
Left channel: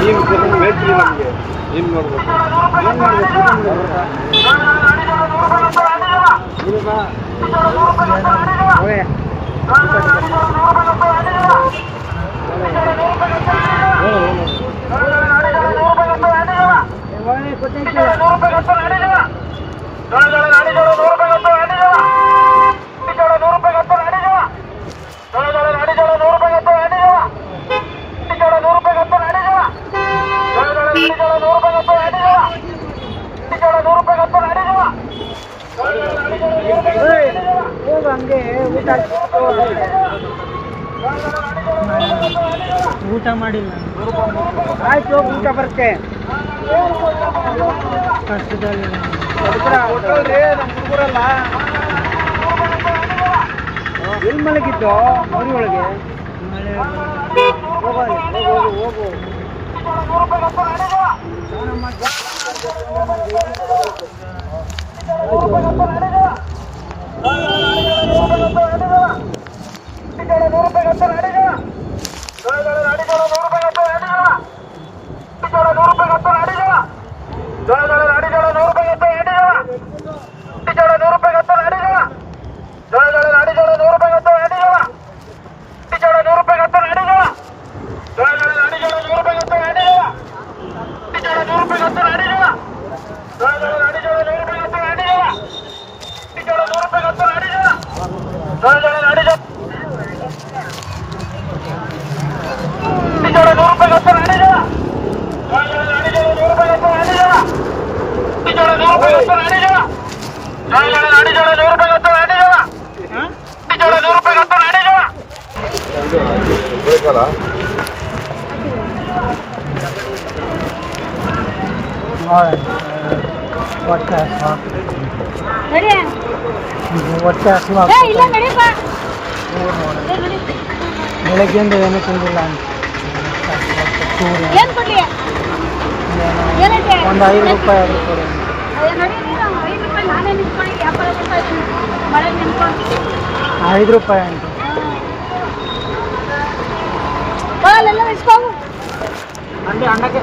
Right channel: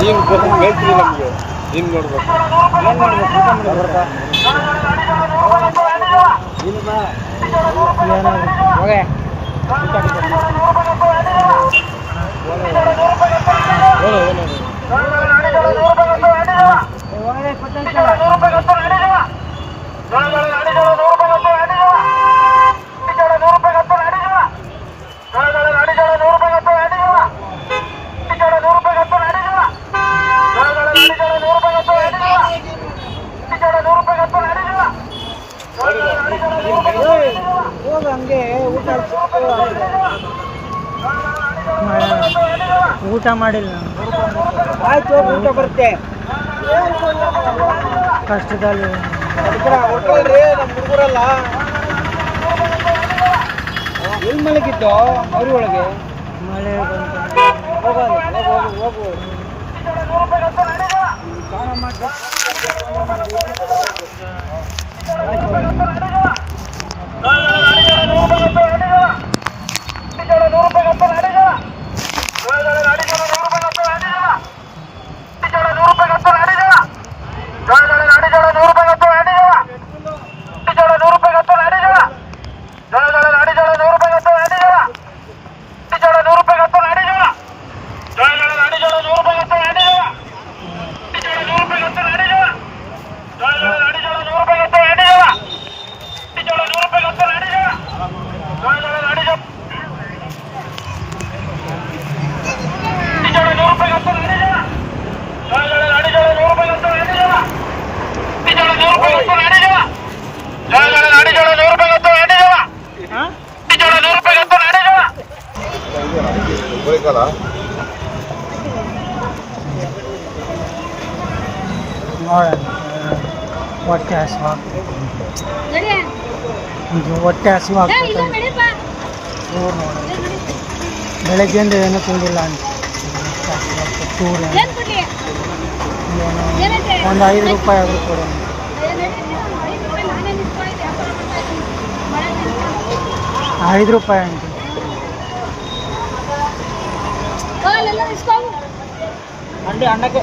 ಈಗ ಹೇಳ್ತೀವಿ ನಮಗೆ ಏನು ಮಾಡ್ಬೇಕು, ಏನು ಮಾಡ್ಬೇಕು ಹಂಗೆ ಊಟ ಮಾಡಿಲ್ಲ. ಆಯ್ತು, ಊಟ ಬರುತ್ತೆ ಕಷ್ಟದಲ್ಲಿ. ಹೋಟೆಲ್ರಿ ನಮ್ಮ ಹುಡುಗರಲ್ಲ ಎಲ್ಲಿ ಮಲಗಿದ್ದು ಮರಿ ಒಳಗೆ ಹೋಗು. ₹100 ಸಿಗಲ್ಲ. ಹೊಟ್ಟೆ ಹಸಿವು ನಡಿ ಹೊಟ್ಟೆ ಹಸಿವು ಏ ಇಲ್ಲ ನಡಿಪ್ಪ ಬೆಳಗ್ಗೆಯಿಂದ ಏನೂ ತಿಂದಿಲ್ಲ ಅಂತ ಚೂರು ಏನ್ ಕೊಡ್ಲಿ ಏನಂತೆ ಒಂದು 5 ರೂಪಾಯಿ ಅದು ಕೊಡು. ನಡಿ 5 ರೂಪಾಯಿ ನಾನೇ ನಿಂತ್ಕೊಂಡು ವ್ಯಾಪಾರ ಮಾಡ್ತಾ ಇದ್ದೀನಿ ಮಳೆ ನಿಂತ್ಕೊಂಡು 5 ರೂಪಾಯಿ ಅಂತ ಅಲ್ಲೆಲ್ಲ ಇಸ್ಕೊಂಡು ಅಂಡಕ್ಕೆ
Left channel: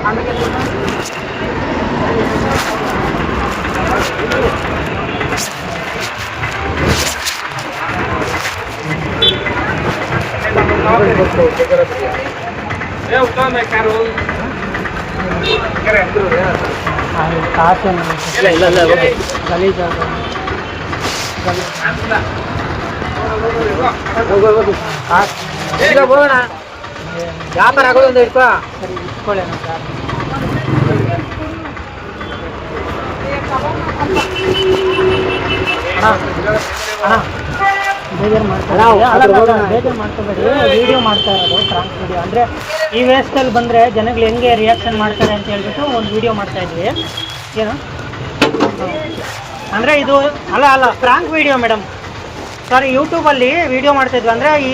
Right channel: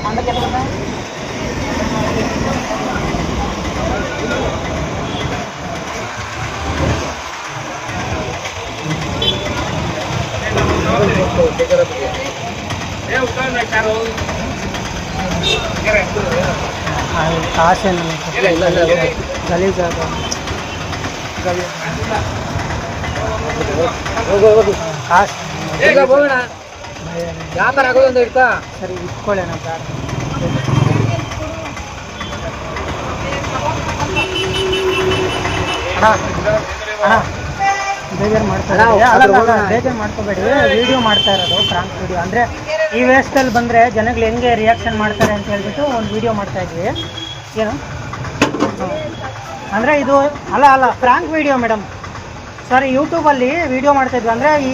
ಕಾಸೇನು ಗಲೀಜಾಗ ಕಾಸು ಹೋಗೋಣ ವ್ಯಾಪಾರ ಆಗೋದು ಒಂದು ಇಟ್ಕೋ. ಸರಿ ಇಟ್ಕೊಳ್ಳೋಣ ಬೇಜಾರು ಬೇಜಾರು ಮಾಡ್ಕೋಬೇಡಿ. ವಿಡಿಯೋ ಮಾಡ್ತಾ ಇರೋದು ಫ್ರಾಂಕ್ ವಿಡಿಯೋ ಅಂದರೆ ಈ ವೇಸ್ಟಲ್ಲಿ ಬಂದರೆ ಜನಗಳು ಹೆಂಗೆ ರಿಯಾಕ್ಷನ್ ಮಾಡ್ತಾರೆ ಅಂತ ಹೇಳ್ಬಿಟ್ಟು ಒಂದು ವಿಡಿಯೋ ಮಾಡ್ತಾ ಇದ್ವಿ. ಏನು ಅಂದರೆ ಇದು ಅಲ್ಲ ಫ್ರಾಂಕ್ ವಿಡಿಯೋ ಮೇಡಮ್. ಸಾರಿ, ಯೂಟ್ಯೂಬಲ್ಲಿ ವಿಡಿಯೋ ಮಾಡ್ತಾಯಿದ್ವಿ. ಅಂದರೆ ಈ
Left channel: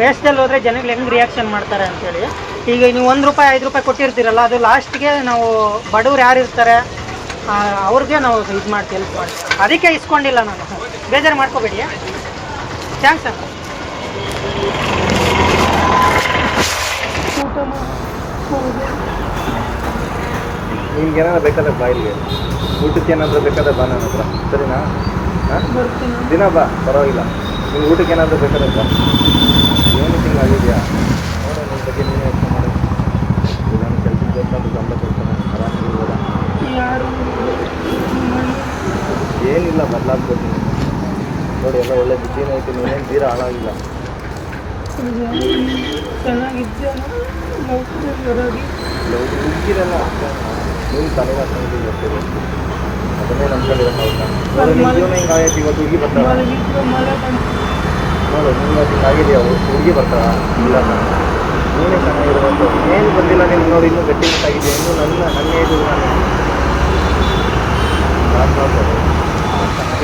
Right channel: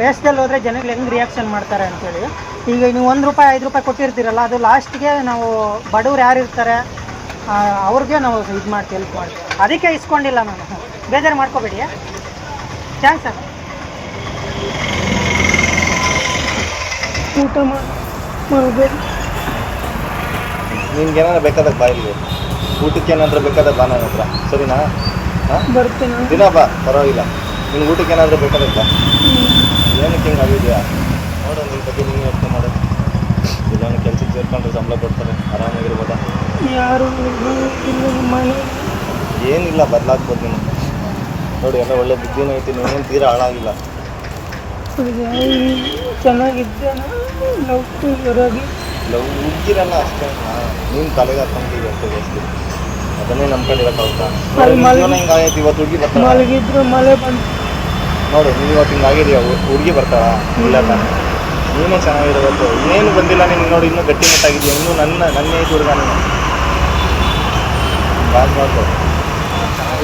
ವೇಸ್ಟಲ್ಲಿ ಹೋದರೆ ಜನಗಳು ಹೆಂಗೆ ರಿಯಾಕ್ಷನ್ ಮಾಡ್ತಾರೆ ಅಂತೇಳಿ. ಈಗ ನೀವು 1 ರೂಪಾಯಿ 5 ರೂಪಾಯಿ ಕೊಟ್ಟಿರ್ತೀರಲ್ಲ, ಅದು ಲಾಸ್ಟ್ಗೆ ನಾವು ಬಡವ್ರು ಯಾರು ಇರ್ತಾರೆ ಅವ್ರಿಗೆ ನಾವು ಇದು ಮಾಡ್ತೀವಿ, ಹೆಲ್ಪ್ ಮಾಡ್ತೀವಿ. ಅದಕ್ಕೆ ಇಸ್ಕೊಂಡಿಲ್ಲ ನಾನು, ಬೇಜಾರು ಮಾಡ್ಕೋಬೇಡಿ. Thanks sir. ನಿಮ್ಗೆ ಏನಾದ್ರು ಬೇಕಾದಾಗ ಬಾ ಇಲ್ಲಿ, ಊಟಕ್ಕೆ ಏನಾದರೂ ಬೇಕಾದಾಗ ಬಾ ನನ್ನ ಹತ್ರ, ಸರಿನಾ? ದಿನ ಬಾ, ಪರವಾಗಿಲ್ಲ. ನಿಮ್ಗೆ ಊಟಕ್ಕೆ ಏನಾದರೂ ಬೇಕಾದಾಗ ಬಾ. ಏನಕ್ಕೆ ಹಿಂಗೆ ಆಗಿದೆಯಾ ನೋಡು, ನಿಮ್ಮ ಬಗ್ಗೆ ನೀನು ಯೋಚನೆ ಮಾಡು. ಇದನ್ನು ಕೆಲಸಕ್ಕೆ ಸೇರ್ಕೊಂಡು ಸಂಬಳ ಕೊಡ್ತಾನೆ, ಆರಾಮಾಗಿರ್ಬೋದ? ಏನಿಲ್ಲ, ಬದಲಾಗ್ಬೋದು ನೀನು. ನೋಡಿ, ಎಲ್ಲ ಒಳ್ಳೆ ಬುದ್ಧಿನೂ ಐತಿ, ನೀನೇನು ತೀರಾ ಹಾಳಾಗಿಲ್ಲ. ಹುಡುಗಿರಲ್ಲ ಅಷ್ಟೇ, ನೀನು ತಲೆಗೆ ಹಾಕೊಂಡಿದ್ದೀವಿ ಅಷ್ಟೇ. ಅದನ್ನೇ ನಂಬ್ಕೊಂಡಿರೋಕ್ಕಾಗುತ್ತಾ? ನೋಡಿ, ನಿಮ್ಮ ಜೀವನ ಹಿಂಗಾಗೈತಿ. ಇವತ್ತು ಹುಡುಗಿ ಬರ್ತಾಳೆ ನೋಡು, ನೀವು ಇವತ್ತು ಹಿಂಗಾಗಿದೆಯಾ? ಹುಡುಗಿ ಬರ್ತಾವ? ಇಲ್ಲ ನಾನು ನೀನೇ ಚೆನ್ನಾಗಿರೋದು. ಇನ್ನೇನು ಬಂದಿಲ್ಲ ನಿನ್ಗೆ. ನೋಡಿ, ಇನ್ನೂ ಗಟ್ಟಿಮುಟ್ಟಾಗಿದೆಯಾ? ಇನ್ನೂ ನನ್ನ ಏಜ್ ಹುಡುಗ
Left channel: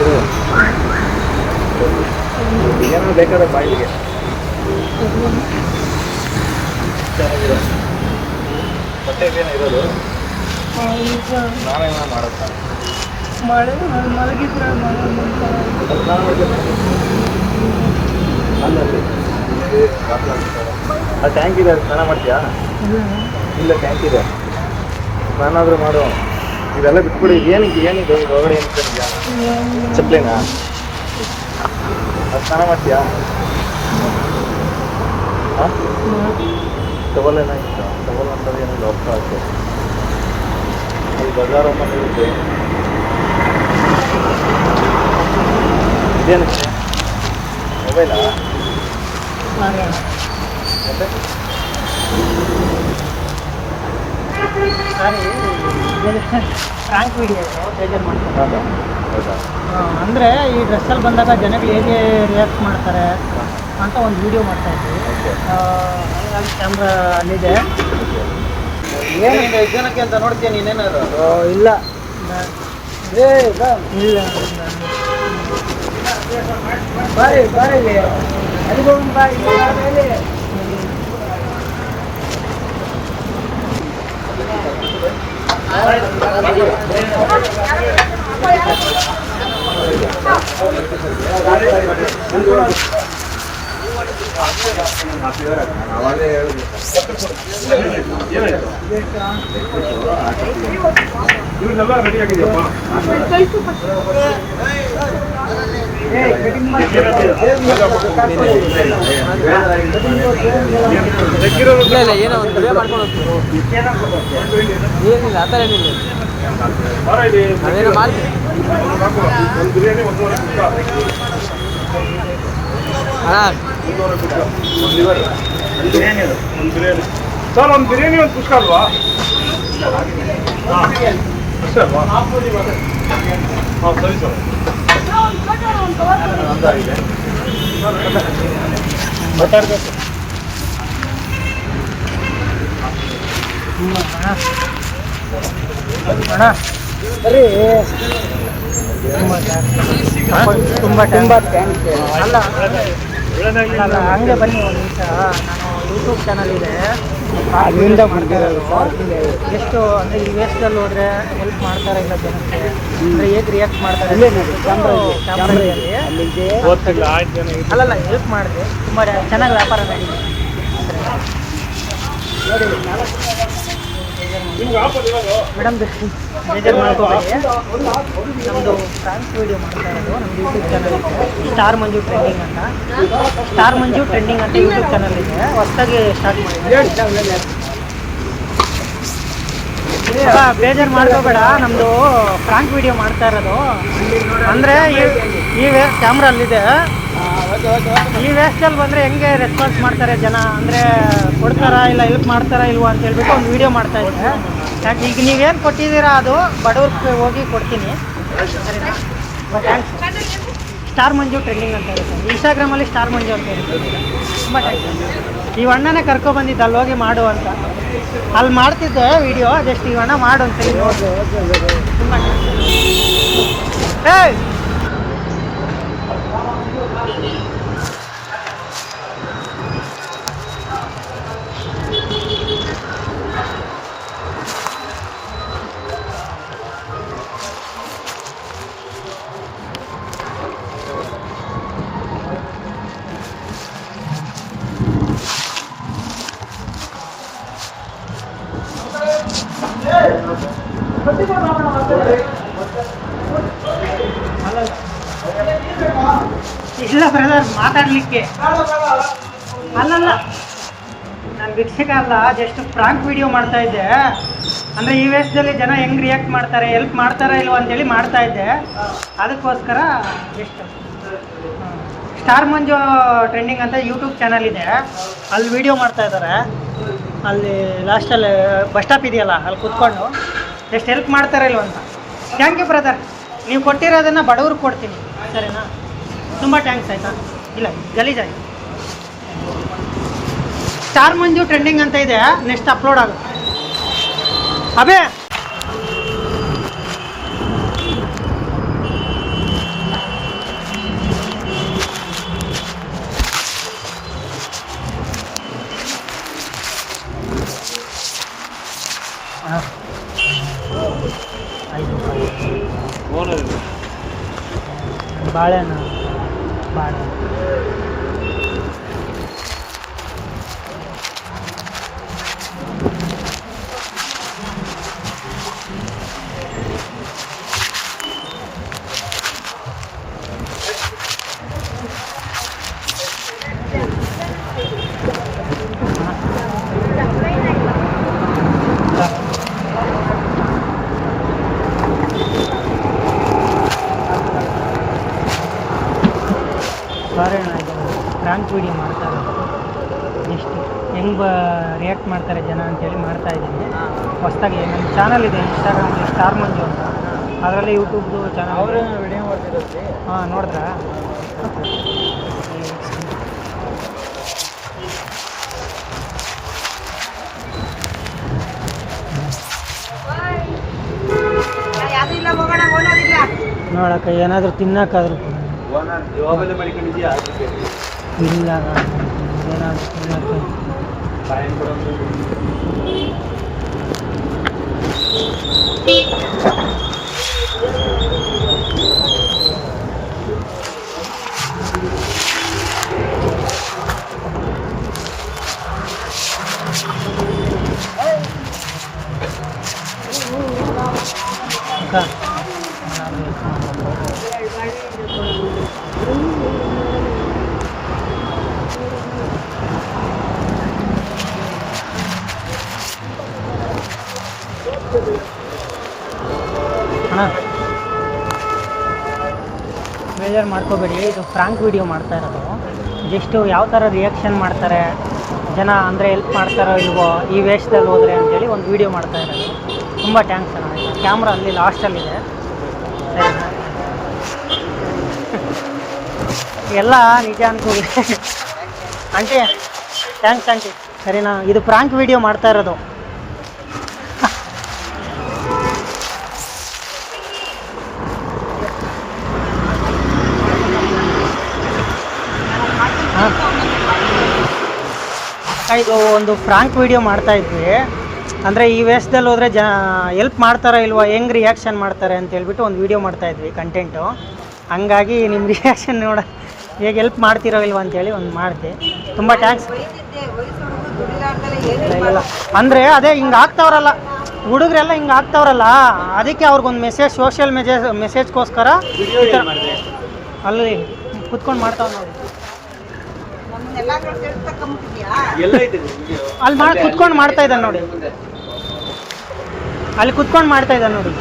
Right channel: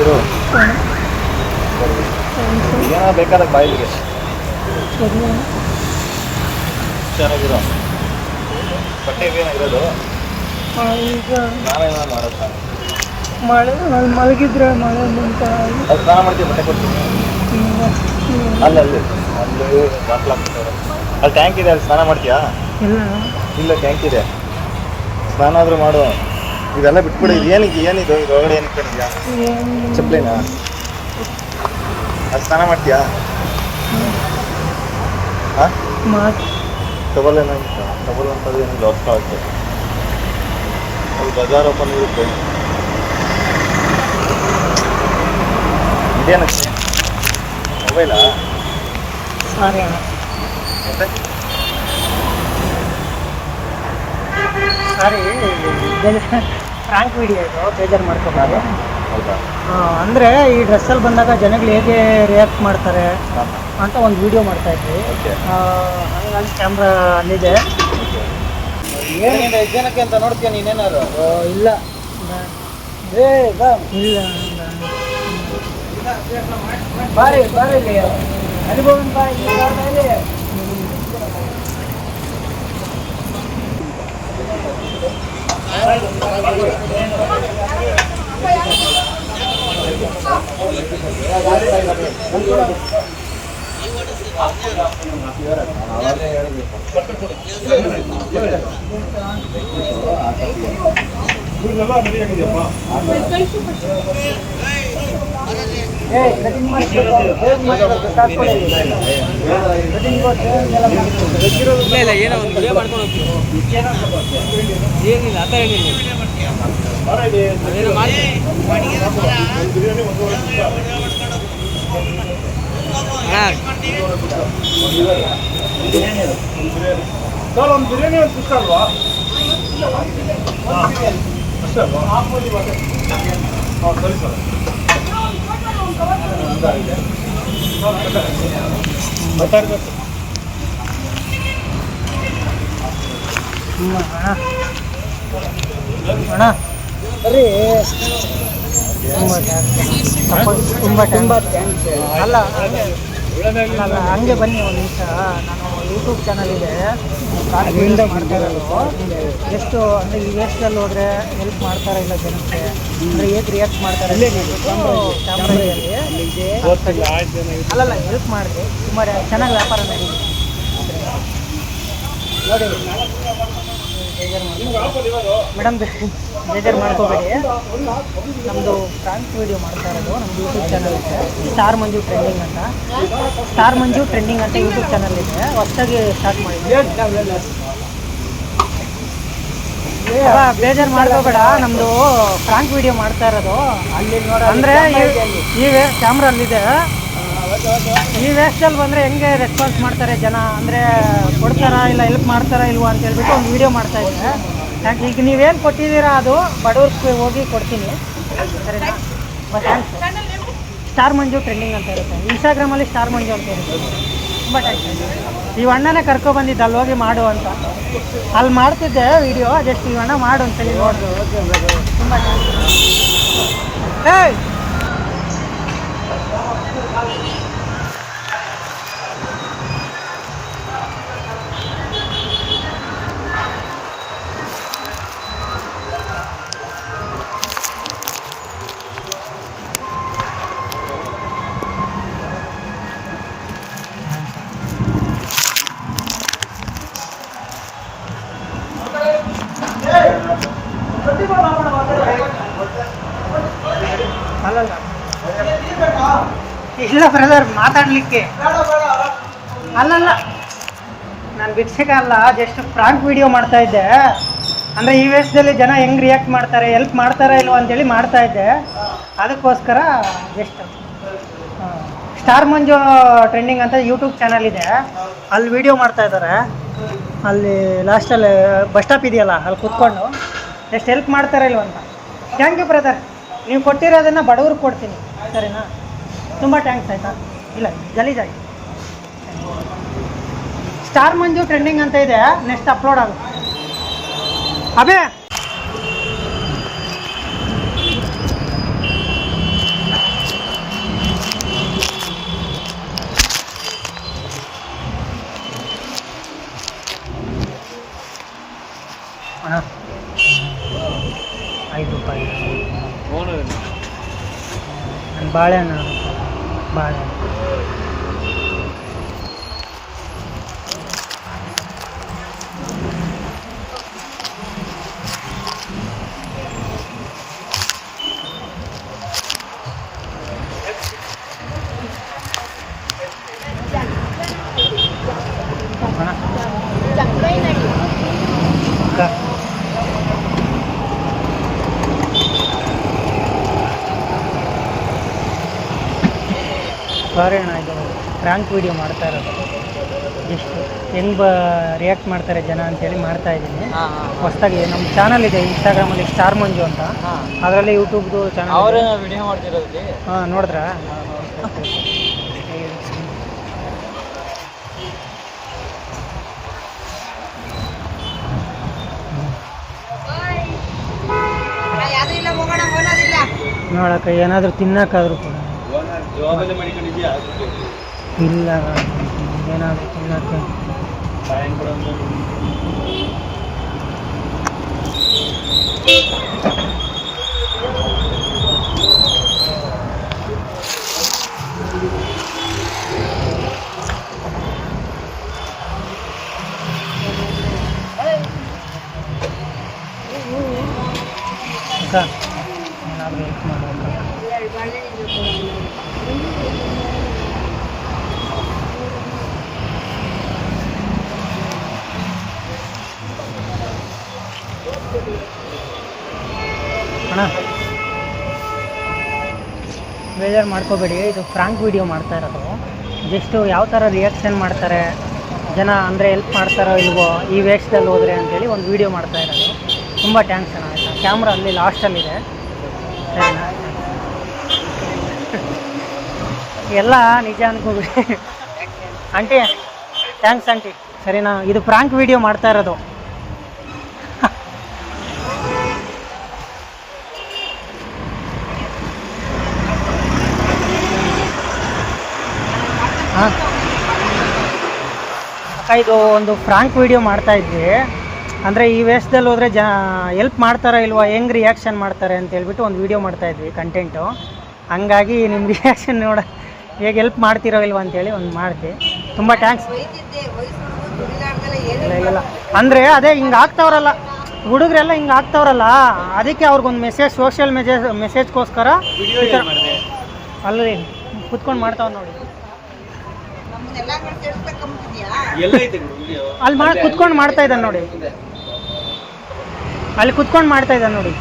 ಇರು. ಏನೋ ಬೇಕಾದ ಬಾಯಿಗೆ ಬಟ್ಟೆಗೇನೋ ಇರೋದು ನಾನೇನೋ ಮಾಡೋದು. ಮಳೆ ಮಲಗಿದ್ರೆ ಮಳೆ ಅದು ಸ್ನಾನ ಮಾಡ್ತೀವಿ ಮನೆ ಕೊಟ್ಟು ಅಲ್ಲಿ ಅದು ಟ್ಯಾಂಕ್ ಇದೆ, ಅಲ್ಲಿ ಸ್ನಾನ ಮಾಡ್ತೀಯಾ? ಇಲ್ಲ, ಟ್ಯಾಂಕ್ ಇದೆ, ಸ್ನಾನ ಆದರೂ ಮಾಡು. ಇದೆಲ್ಲ ಬಿಟ್ಕೊಡಿ. ಇದು ಏನಕ್ಕೆ ಏನಿದು ಒಳಗಡೆ ಏನಕ್ಕೆ ಚಪ್ಪಲಿನಾ? ಸ್ನಾನ ಮಾಡ್ತೀಯಾ? ಹಾಂ, ತಗೊಳ್ಳೇನ ತಗೊಳ್ಳೋಂಥದ್ದು ಏನೋ ಅರ್ಥ ಆಗ್ತದೆ. ಒಂದು ಬಜಾರ್ ಓಪನ್ ಇರುತ್ತೆ. ಇದೇನಕ್ಕೆ ಮೊಬೈಲಾ? ಸಾರಿ, ಫ್ರಾಂಕ್ ವಿಡಿಯೋ ಇದು, ಬೇಜಾರು ಮಾಡ್ತಾರೆ. ಹೌದಾ? ಅಂದರೆ ಈ ಡ್ರೆಸ್ಸಲ್ಲಿ ಬಂದಾಗ ಜನಗಳು ಹೇಗೆ ರಿಯಾಕ್ಟ್ ಮಾಡ್ತಾರೆ ಅಂತ ಒಂದು ವಿಡಿಯೋ ಮಾಡ್ತಾ ಇದ್ವಿ. ಕ್ಯಾಮ್ರಾ ಅಲ್ಲಿದೆ. ಏನು 5 ಜನಕ್ಕೆ ಅಂತ ನೋಡ್ತೀಯ ನೀನೇನಾದ್ರು? ಇಲ್ಲ ಇಲ್ಲ ಬಾರಿ ಅನುಭವ ಬಾರಿ ಇವ್ರನ್ನೆಲ್ಲ ರೆಡಿ ಆಗಿದೆಯಪ್ಪ. ಇಲ್ಲ ಏನೋ ಒಂದು ವಿಡಿಯೋ ಮಾಡ್ಕೊಂಡು ಹೋಗ್ತೀವಿ. ಏನಿಲ್ಲ, ಆ ಥರ ಏನಿಲ್ಲ. ಅದೇನೋ ಮಾಡ್ತೀವಿ. ಒಂದು ಬಿರಿಯಾನಿ 1.5 ಹಾಂ, ಸರ್, ಒಂದು ಬಿರಿಯಾನಿ 1 ಪುಷ್ಕ ಅಲ್ವಾ? ಅಷ್ಟೇ ಅಲ್ವಾ? ಹಾಂ, ಸರಿ ಸರ್. ಮಾತಾಡಬೇಕು. ಅಣ್ಣ ಸರಿ ತುಂಬ ಥ್ಯಾಂಕ್ಸ್. ಅಲ್ಲ ನಾನು ಹಂಗೆ ಬನ್ನಿ ಒಂದು ನಿಮಿಷ. ನಾನು ಯೂಟ್ಯೂಬ್ ಚಾನಲ್ ಇದೆ, ಅದರಿಂದ ಬರ್ತಿರೋದು ಸರ್. ಎಷ್ಟು ಅಂದರೆ ಈ ವೇಸ್ಟಲ್ಲಿ ಹೋದರೆ ಹೆಲ್ಪ್ ಮಾಡ್ತಾರೆ ಇಲ್ಲ ಜನಕ್ಕೆ, ಅಂದರೆ ಹೇಗೆ ರಿಯಾಕ್ಟ್ ಮಾಡ್ತಾರೆ ಕ್ಯಾಮ್ರಲ್ಲಿ ಗೊತ್ತಿಲ್ಲ, ಆಯ್ತು ಜನ ಅಲ್ಲಲ್ಲ ಹೆಲ್ಪ್ ಮಾಡಿದೆ, ತುಂಬ ಚೆನ್ನಾಗಿ ವ್ಯಾಪಾರ ನಡೀಲಿ ನೋಡಿ. ಮೇಡಮ್ ಬೇಜಾರು ಮಾಡ್ಕೋಬೇಡಿ, ನಮ್ಮದು ಫ್ರಾಂಕ್ ವೀಡಿಯೋ ಮಾಡ್ತಾ ಇರೋದು ನಮ್ಮದು ಯೂಟ್ಯೂಬ್ ಚಾನಲ್ ಇದೆ, ಸ್ಟಾರ್ ಮಂಜು ಟ್ರೆಂಡಿಂಗ್ ಅಂತ. ಸ್ಟಾರ್ ಮಂಜು ಟ್ರೆಂಡಿಂಗ್ ಅಂತ ಯೂಟ್ಯೂಬ್ ಚಾನಲ್ ಇದೆ, ಹೊಸದಾಗಿ ಸ್ಟಾರ್ಟ್ ಮಾಡಿದೆ. ಬೇಜಾರು ಮಾಡ್ಕೋಬೇಡ, ನಮ್ಮದು ಫ್ರಾಂಕ್ ವೀಡಿಯೋ ಮಾಡ್ತಾ ಇರೋದು. ಅಂದರೆ ಈಗ ಕ್ಯಾಮ್ರಾ ಅಲ್ಲಿದೆ, ಈ ವೇಸ್ಟಲ್ಲಿ ಬಂದರೆ ಹೆಂಗೆ ರೆಸ್ಪಾನ್ಸ್ ಮಾಡ್ತಾರೆ ಜನ, ಅಂದರೆ ಕೊಡ್ತಾರಾ ಇಲ್ಲ ಹೆಲ್ಪ್ ಮಾಡ್ತಾರಾ ಇಲ್ವಾ ಅಂತ ಹೇಳ್ಬಿಟ್ಟು ಒಂದು ವೀಡಿಯೋ ಮಾಡ್ತಾ ಇದ್ದೆ. ಯಾಕೆ ಈಗ ನೀವೇನು ಕೊಟ್ಟಿದ್ದೀರಾ ಅದು ಬಡವ್ರಿಗೆ ಹೋಗಿ ಕೊಡ್ತೀನಿ, ಸರಿನಾ? ಥ್ಯಾಂಕ್ಸ್. ಸ್ಟಾರ್ ಮಂಜು ಟ್ರೆಂಡಿಂಗ್ ಅಂತ ಇರುತ್ತೆ, ಇನ್ಸ್ಟಾಗ್ರಾಮಲ್ಲಿ ಸ್ಟಾರ್ ಮಂಜು ಅಂತ ಇರುತ್ತೆ. ತುಂಬ ಥ್ಯಾಂಕ್ಸ್. ಈ ಅಣ್ಣನೇ ಕರ್ಕೊಬಂದಿದ್ದೆ ಅಲ್ಲಿ ಹೋಗಿ ಮಾಡು ಅಂತ, ಅಲ್ಲಿ ಮಾಡ್ತಿದ್ದೆ ವೀಡಿಯೋ, ಜಸ್ಟ್ ಈ ಅಣ್ಣ ಮಾಡು ಅಂತ ತುಂಬ ಏಯ್ ಇಲ್ಲ ಬ್ರದರ್, ಮಾತಾಡಲಿಕ್ಕೆ ಅಲ್ಲಲ್ಲ, ನಾನು ಭಿಕ್ಷಕ ಅಲ್ಲ, ಜಸ್ಟ್ ಫ್ರಾಂಕ್ ವಿಡಿಯೋ ಮಾಡ್ತಾ ಇದ್ದೆ. ಅಂದರೆ ಈ ವೇಷದಲ್ಲಿ ಜನ ಹೆಂಗೆ ರಿಯಾಕ್ಟ್ ಮಾಡ್ತಾರೆ, ಹೆಲ್ಪ್ ಮಾಡ್ತಾರಾ ಇಲ್ವ ಅಂತೇಳಿ ಮಾಡ್ತಾ ಇದ್ದೆ, ಅದಕ್ಕೋಸ್ಕರ ಜಸ್ಟ್ ಸ್ಟಾರ್ ಮಂಜು ಟ್ರೆಂಡಿಂಗ್ ಅಂತ ಯೂಟ್ಯೂಬ್ ಚಾನಲ್ ಇದೆ, ಅಲ್ಲಿ ವಿಡಿಯೋ ಮಾಡ್ತಾ ಇದ್ದಾರೆ. ಅಲ್ಲಿ ಲಾಸ್ಟಲ್ಲಿ ಬಸ್ ಸ್ಟಾಪ್ ಇದೆಯಲ್ಲ, ಅಲ್ಲಿ ಕೂತ್ಕೊಂಡು ಜಸ್ಟ್ ಹೆಲ್ಪ್ ಮಾಡ್ತಾರಾ ಇಲ್ವ ಅಂತ. ಥ್ಯಾಂಕ್ ಯು ಬ್ರದರ್, ನೀವು ಕೊಟ್ಟಿರೋದನ್ನು ಬಡವ್ರಿಗೆ ಕೊಡ್ತೀನಿ, ಸರಿನಾ? ತುಂಬ ಥ್ಯಾಂಕ್ಸ್ ಆಯಿತಾ. ಇಲ್ಲ ಗಲೀಜಾಗಿ ಸ್ಟಾರ್ ಮಂಜು ಟ್ರೆಂಡಿಂಗ್ ಅಂತ ಇದೆ, ನೆಕ್ಸ್ಟ್ ಅಪ್ಲೋಡ್ ಆಗುತ್ತೆ. ಅಬೇ ಬಾಳೆಹಣ್ಣು ಬಾಳೆಹಣ್ಣು ಇದೆ. ಫ್ರಾಂಕ್ ವೀಡಿಯೋ ಮಾಡ್ತಾ ಇರೋದು, ಎಷ್ಟು ಹೆಂಗೆ ರಿಯಾಕ್ಟ್ ಮಾಡ್ತಾರೆ ಜನ ಅಂತೇಳಿ ಮಾಡ್ತಾ ಇದ್ದೀನಿ. ಹೊಸದಾಗಿ ನಮ್ಮ ಚಾನಲ್ ಇದೆ ಇನ್ಸ್ಟಾಗ್ರಾಮಲ್ಲಿ ಸ್ಟಾರ್ ಮಂಜು ಅಂತ, ಅದರಲ್ಲಿ ಯೂಟ್ಯೂಬ್ದು ಚಾನಲ್ ಅವರೇ ವಿಡಿಯೋ ಮಾಡ್ತಿರೋದು. ಹಾಂ, ನೋಡಿದ್ರಾ? ನೋಡಕ್ಕೆ ಏನಾದರೂ ತಿನ್ನಕ್ಕಾದ್ರೂ ಇಲ್ಲ, ಏನಾದರೂ ತಿನ್ನಕ್ಕೆ ಸರ್ ಅಣ್ಣ ಬೇಜಾರು ಮಾಡ್ಕೋಬೇಡಿ, ಇದು ಫ್ರಾಂಕ್ ವಿಡಿಯೋ ಮಾಡ್ತಾ ಇರೋದು. ಜಸ್ಟು ಯಾವ ಥರ ರಿಯಾಕ್ಷನ್ ಮಾಡ್ತಾರೆ ಜನ, ಅಂದರೆ ಹೆಲ್ಪ್ ಮಾಡ್ತಾರೋ ಇಲ್ವೋ ಈ ವೇಷದಲ್ಲಿ ಹೋದರೆ ಅಂತೇಳಿ ಒಂದು ವೀಡಿಯೋ ಮಾಡ್ತಾ ಇರೋದು. ತುಂಬ ಥ್ಯಾಂಕ್ಸ್ ಅಣ್ಣ. ಕ್ಯಾಮ್ರಾ ಅಲ್ಲಿ ಲಾಸ್ಟಲ್ಲಿದೆ, ಸರಿನಾ? ಎಲ್ಲ ನಿಜ ಅನ್ಕೋಬೇಡಿ ಆಂಟಿ, ಥ್ಯಾಂಕ್ಸ್ ಆಂಟಿ, ಸರಿನಾ? ಇದು ಫ್ರಾಂಕ್ ವಿಡಿಯೋ ಮಾಡ್ತಾ ಇರೋದು, ಇದು ಒಂದು ಫ್ರಾಂಕ್ ವಿಡಿಯೋ ಮಾಡ್ತಾ ಇದ್ವಿ. ಅಂದರೆ ಈ ವೇಷದಲ್ಲಿ ಹೋದರೆ ಹೆಲ್ಪ್ ಮಾಡ್ತಾರಾ ಇಲ್ವಾ, ಹೆಂಗೆ ರಿಯಾಕ್ಷನ್ ಮಾಡ್ತಾರೆ ಅಂತ ಹೇಳ್ಬಿಟ್ಟು ಒಂದು ವಿಡಿಯೋ ಮಾಡ್ತಾಯಿದ್ವಿ ಕಂಟೆಂಟು. ಹಂಗಾಗಿ ನಿಮ್ಮ ರಿಯಾಕ್ಷನ್ ಹೇಗೆ ಹೆಲ್ಪ್ ಮಾಡ್ತಿರೋ ಇಲ್ವಾ ಅಂತೇಳಿ ಒಂದು ಮಾಡಿದೆ. ತುಂಬ ಥ್ಯಾಂಕ್ಸ್. ಅಂದರೆ ಅದೇ ಹಿಂಗೆ ಆಗ್ತಾವ್ರಲ್ಲ ಹುಡುಗರೆಲ್ಲ, ಹಿಂಗೆ ಆಗ್ತಾವ್ರಲ್ಲ, ಅದಕ್ಕೆ ಅವ್ರಿಗೊಂದು ಮೆಸೇಜ್, ಸೋಷಿಯಲ್ ಮೆಸೇಜ್ಗೋಸ್ಕರ ಅಲ್ಲಿ ಕುತ್ಕೊಂಡು ಮಾಡ್ತಾವ್ ನೋಡಿ. ಅಲ್ಲಿ ಕುತ್ಕೊಂಡು ಮಾಡ್ತಾ ಇದ್ದಾನೆ ನೋಡಿ, ಅಲ್ಲಿ ಕುತ್ಕೊಂಡು ಮಾಡ್ತಾ ಇದ್ದಾನೆ ನೋಡಿ.